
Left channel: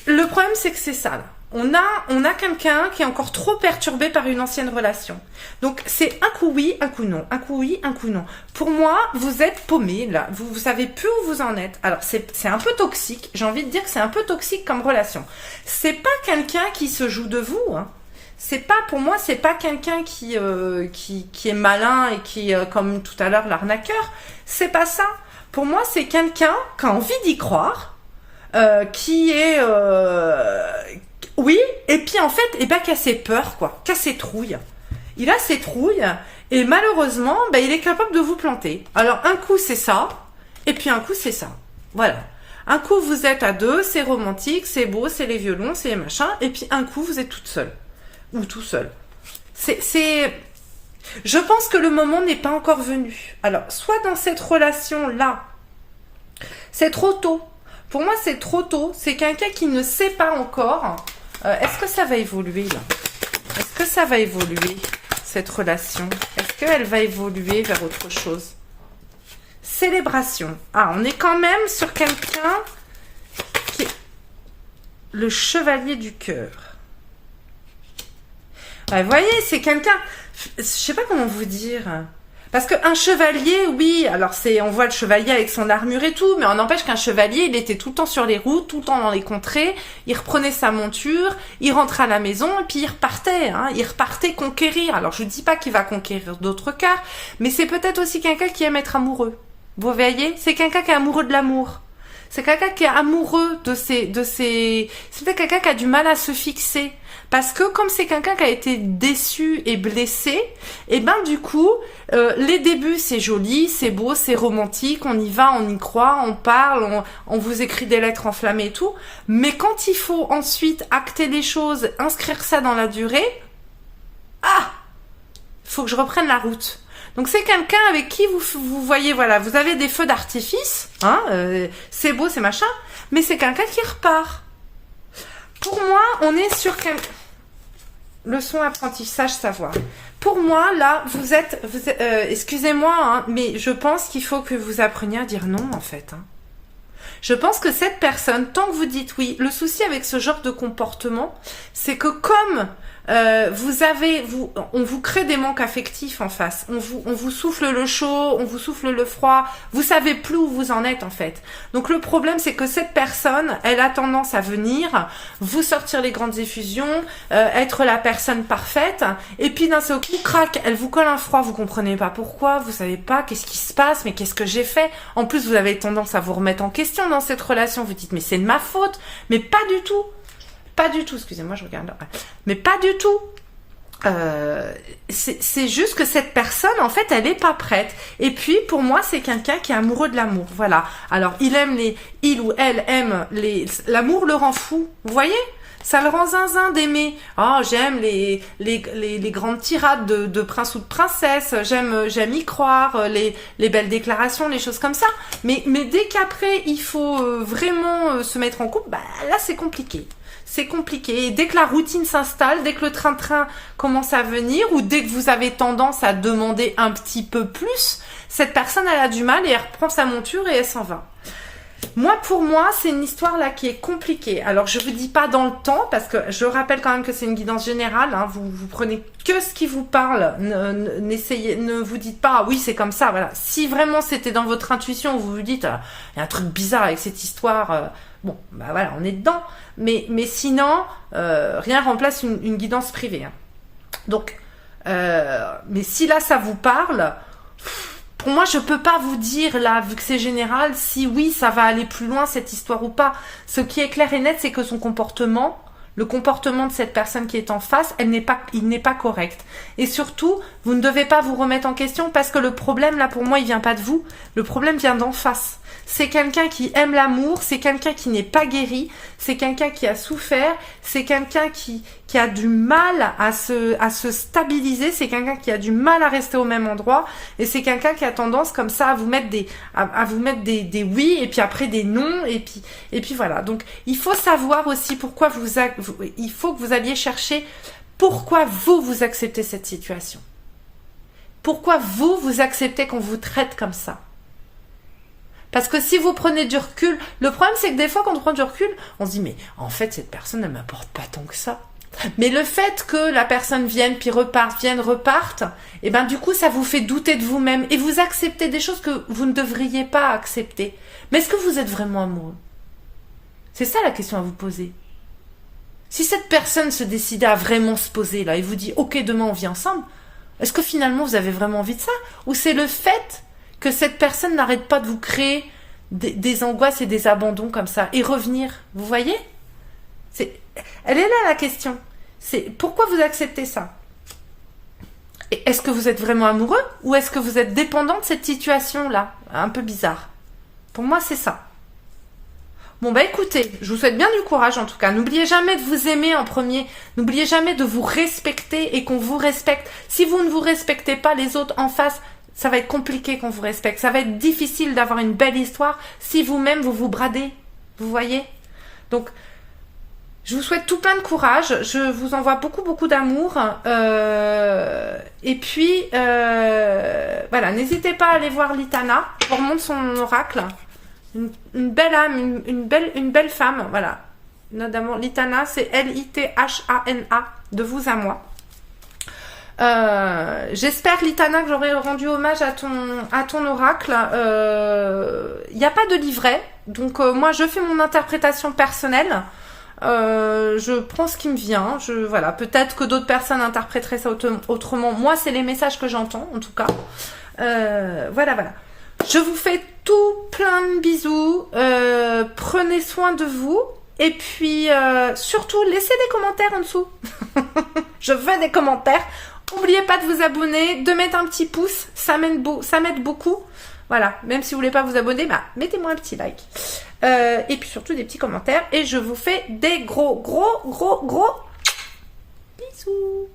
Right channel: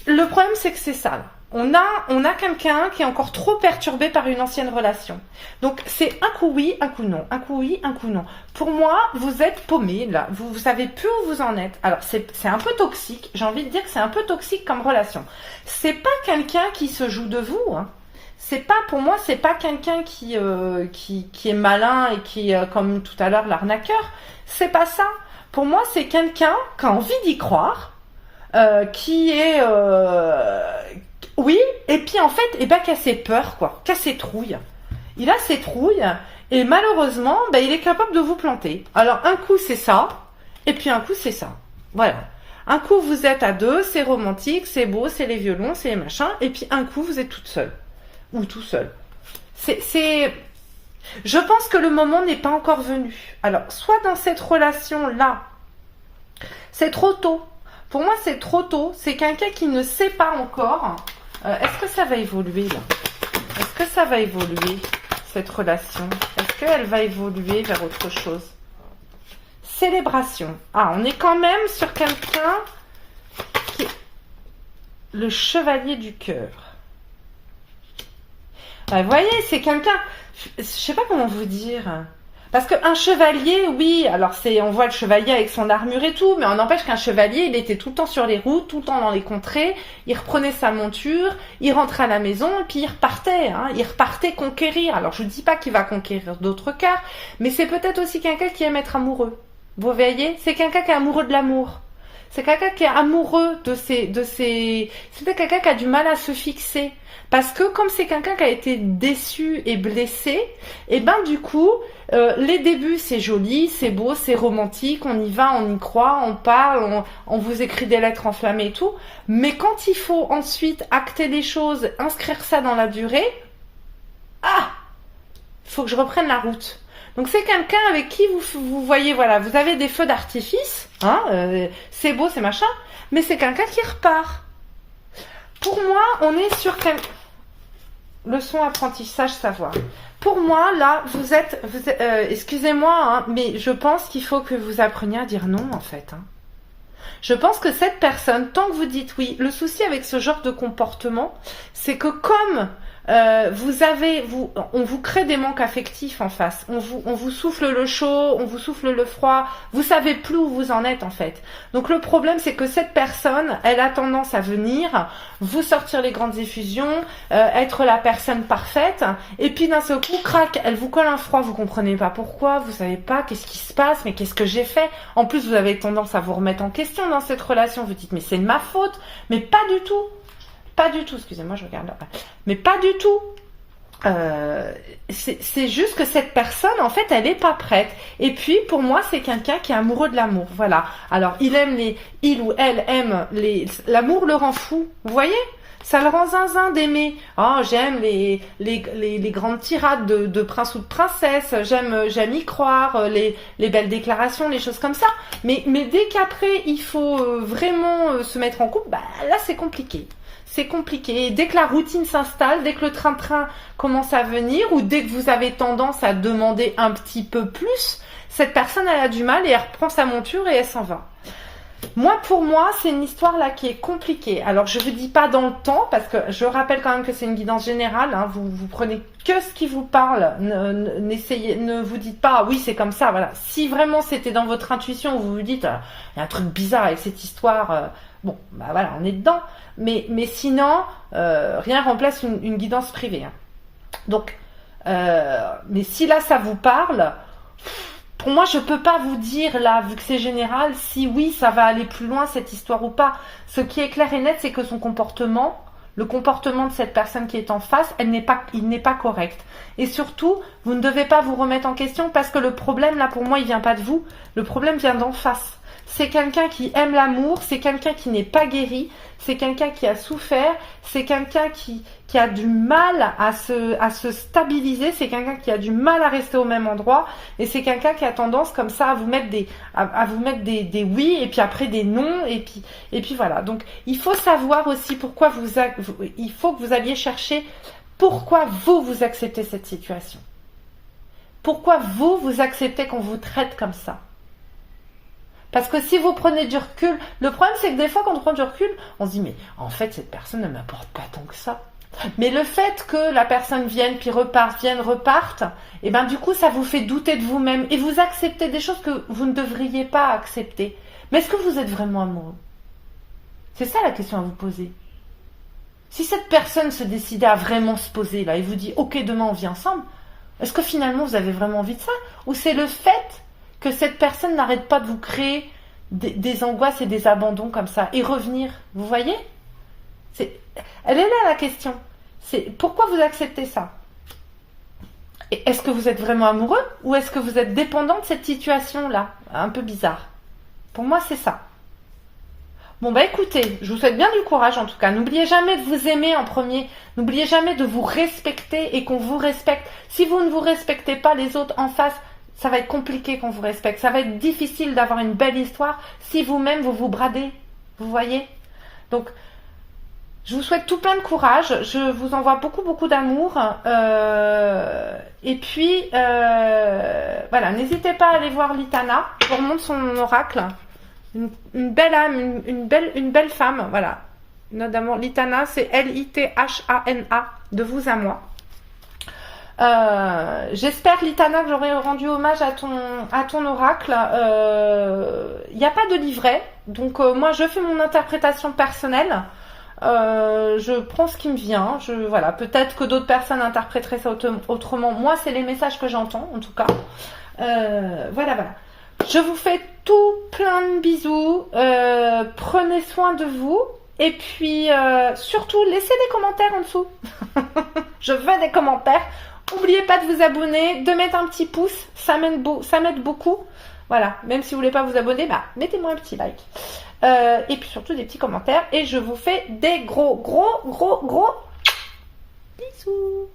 le problème, c'est que c'est ça, là. On a quelqu'un qui est encore trop perturbé par une ancienne relation. Donc c'est un coup oui, un coup non. Un coup oui, un coup non. Pour moi, vous êtes paumé, là. Vous savez plus où vous en êtes. Alors c'est un peu toxique. J'ai envie de dire que c'est un peu toxique comme relation. C'est pas quelqu'un qui se joue de vous, hein. Pour moi, c'est pas quelqu'un qui est malin et qui, comme tout à l'heure, l'arnaqueur. C'est pas ça. Pour moi, c'est quelqu'un qui a envie d'y croire, qui est, oui, et puis en fait, qui a ses peurs, quoi, qui a ses trouilles. Il a ses trouilles, et malheureusement, il est capable de vous planter. Alors, un coup, c'est ça, et puis un coup, c'est ça. Voilà. Un coup, vous êtes à deux, c'est romantique, c'est beau, c'est les violons, c'est les machins, et puis un coup, vous êtes toute seule. Ou tout seul. Je pense que le moment n'est pas encore venu. Alors, soit dans cette relation-là, c'est trop tôt. Pour moi, c'est trop tôt. C'est quelqu'un qui ne sait pas encore. Est-ce que ça va évoluer, là? Est-ce que ça va évoluer, cette relation? Est-ce qu'elle va évoluer vers autre chose? Célébration. Ah, on est quand même sur quelqu'un qui est le chevalier du cœur. Vous voyez, c'est quelqu'un, je sais pas comment vous dire, parce qu'un chevalier, oui, alors on voit le chevalier avec son armure et tout, mais on n'empêche qu'un chevalier, il était tout le temps sur les routes, tout le temps dans les contrées, il reprenait sa monture, il rentrait à la maison et puis il repartait conquérir. Alors je ne dis pas qu'il va conquérir d'autres cœurs, mais c'est peut-être aussi quelqu'un qui aime être amoureux. Vous voyez, c'est quelqu'un qui est amoureux de l'amour. C'est quelqu'un qui est amoureux c'est peut-être quelqu'un qui a du mal à se fixer. Parce que comme c'est quelqu'un qui a été déçu et blessé, et du coup, les débuts c'est joli, c'est beau, c'est romantique, on y va, on y croit, on parle, on vous écrit des lettres enflammées et tout. Mais quand il faut ensuite acter les choses, inscrire ça dans la durée, faut que je reprenne la route. Donc c'est quelqu'un avec qui vous voyez, voilà, vous avez des feux d'artifice, hein, c'est beau, c'est machin, mais c'est quelqu'un qui repart. Pour moi, on est sur leçon apprentissage savoir. Pour moi, là, vous êtes excusez-moi, hein, mais je pense qu'il faut que vous appreniez à dire non, en fait. Hein. Je pense que cette personne, tant que vous dites oui, le souci avec ce genre de comportement, c'est que comme on vous crée des manques affectifs en face. On vous souffle le chaud, on vous souffle le froid. Vous savez plus où vous en êtes en fait. Donc le problème c'est que cette personne, elle a tendance à venir vous sortir les grandes effusions, être la personne parfaite, et puis d'un seul coup, crac, elle vous colle un froid. Vous comprenez pas pourquoi, vous savez pas qu'est-ce qui se passe, mais qu'est-ce que j'ai fait. En plus, vous avez tendance à vous remettre en question dans cette relation. Vous dites mais c'est de ma faute, mais pas du tout. Pas du tout, excusez-moi, je regarde. Mais pas du tout. c'est juste que cette personne, en fait, elle est pas prête. Et puis, pour moi, c'est quelqu'un qui est amoureux de l'amour. Voilà. Alors, il ou elle aime l'amour le rend fou. Vous voyez? Ça le rend zinzin d'aimer. Oh, j'aime les grandes tirades de prince ou de princesse. J'aime y croire. Les belles déclarations, les choses comme ça. Mais dès qu'après, il faut vraiment se mettre en couple, bah, là, c'est compliqué. C'est compliqué. Et dès que la routine s'installe, dès que le train-train commence à venir, ou dès que vous avez tendance à demander un petit peu plus, cette personne, elle a du mal et elle reprend sa monture et elle s'en va. Pour moi, c'est une histoire là qui est compliquée. Alors, je vous dis pas dans le temps, parce que je rappelle quand même que c'est une guidance générale. Hein, vous prenez que ce qui vous parle. Ne vous dites pas, ah oui, c'est comme ça. Voilà. Si vraiment c'était dans votre intuition, vous vous dites, il y a un truc bizarre avec cette histoire. Bon, bah voilà, on est dedans. Mais sinon, rien remplace une guidance privée. Hein. Donc, mais si là, ça vous parle, pour moi, je peux pas vous dire, là, vu que c'est général, si oui, ça va aller plus loin, cette histoire ou pas. Ce qui est clair et net, c'est que son comportement, le comportement de cette personne qui est en face, il n'est pas correct. Et surtout, vous ne devez pas vous remettre en question parce que le problème, là, pour moi, il vient pas de vous. Le problème vient d'en face. C'est quelqu'un qui aime l'amour, c'est quelqu'un qui n'est pas guéri, c'est quelqu'un qui a souffert, c'est quelqu'un qui a du mal à se stabiliser, c'est quelqu'un qui a du mal à rester au même endroit, et c'est quelqu'un qui a tendance comme ça à vous mettre des oui, et puis après des non, et puis voilà. Donc il faut savoir aussi pourquoi il faut que vous alliez chercher pourquoi vous acceptez cette situation. Pourquoi vous acceptez qu'on vous traite comme ça. Parce que si vous prenez du recul, le problème c'est que des fois quand on prend du recul, on se dit mais en fait cette personne ne m'apporte pas tant que ça. Mais le fait que la personne vienne puis reparte, et ben du coup ça vous fait douter de vous-même et vous acceptez des choses que vous ne devriez pas accepter. Mais est-ce que vous êtes vraiment amoureux? C'est ça la question à vous poser. Si cette personne se décidait à vraiment se poser là et vous dit ok demain on vit ensemble, est-ce que finalement vous avez vraiment envie de ça? Ou c'est le fait que cette personne n'arrête pas de vous créer des angoisses et des abandons comme ça, et revenir, vous voyez? Elle est là la question. C'est pourquoi vous acceptez ça? Et est-ce que vous êtes vraiment amoureux, ou est-ce que vous êtes dépendant de cette situation-là? Un peu bizarre. Pour moi, c'est ça. Bon bah écoutez, je vous souhaite bien du courage en tout cas. N'oubliez jamais de vous aimer en premier. N'oubliez jamais de vous respecter et qu'on vous respecte. Si vous ne vous respectez pas, les autres en face, ça va être compliqué qu'on vous respecte. Ça va être difficile d'avoir une belle histoire si vous-même vous vous bradez. Vous voyez? Donc, je vous souhaite tout plein de courage. Je vous envoie beaucoup d'amour. Et puis, voilà, n'hésitez pas à aller voir Litana. Je vous remonte son oracle. Une belle âme, une belle femme. Voilà. Notamment, Litana, c'est L-I-T-H-A-N-A. De vous à moi. J'espère Litana que j'aurai rendu hommage à ton oracle. Il n'y a pas de livret, donc moi je fais mon interprétation personnelle. Je prends ce qui me vient. Voilà, peut-être que d'autres personnes interpréteraient ça autrement. Moi, c'est les messages que j'entends, en tout cas. Voilà. Je vous fais tout plein de bisous. Prenez soin de vous. Et puis, surtout, laissez des commentaires en dessous. Je veux des commentaires. N'oubliez pas de vous abonner, de mettre un petit pouce. Ça m'aide beaucoup. Voilà, même si vous voulez pas vous abonner, bah, mettez-moi un petit like. Et puis surtout des petits commentaires. Et je vous fais des gros bisous.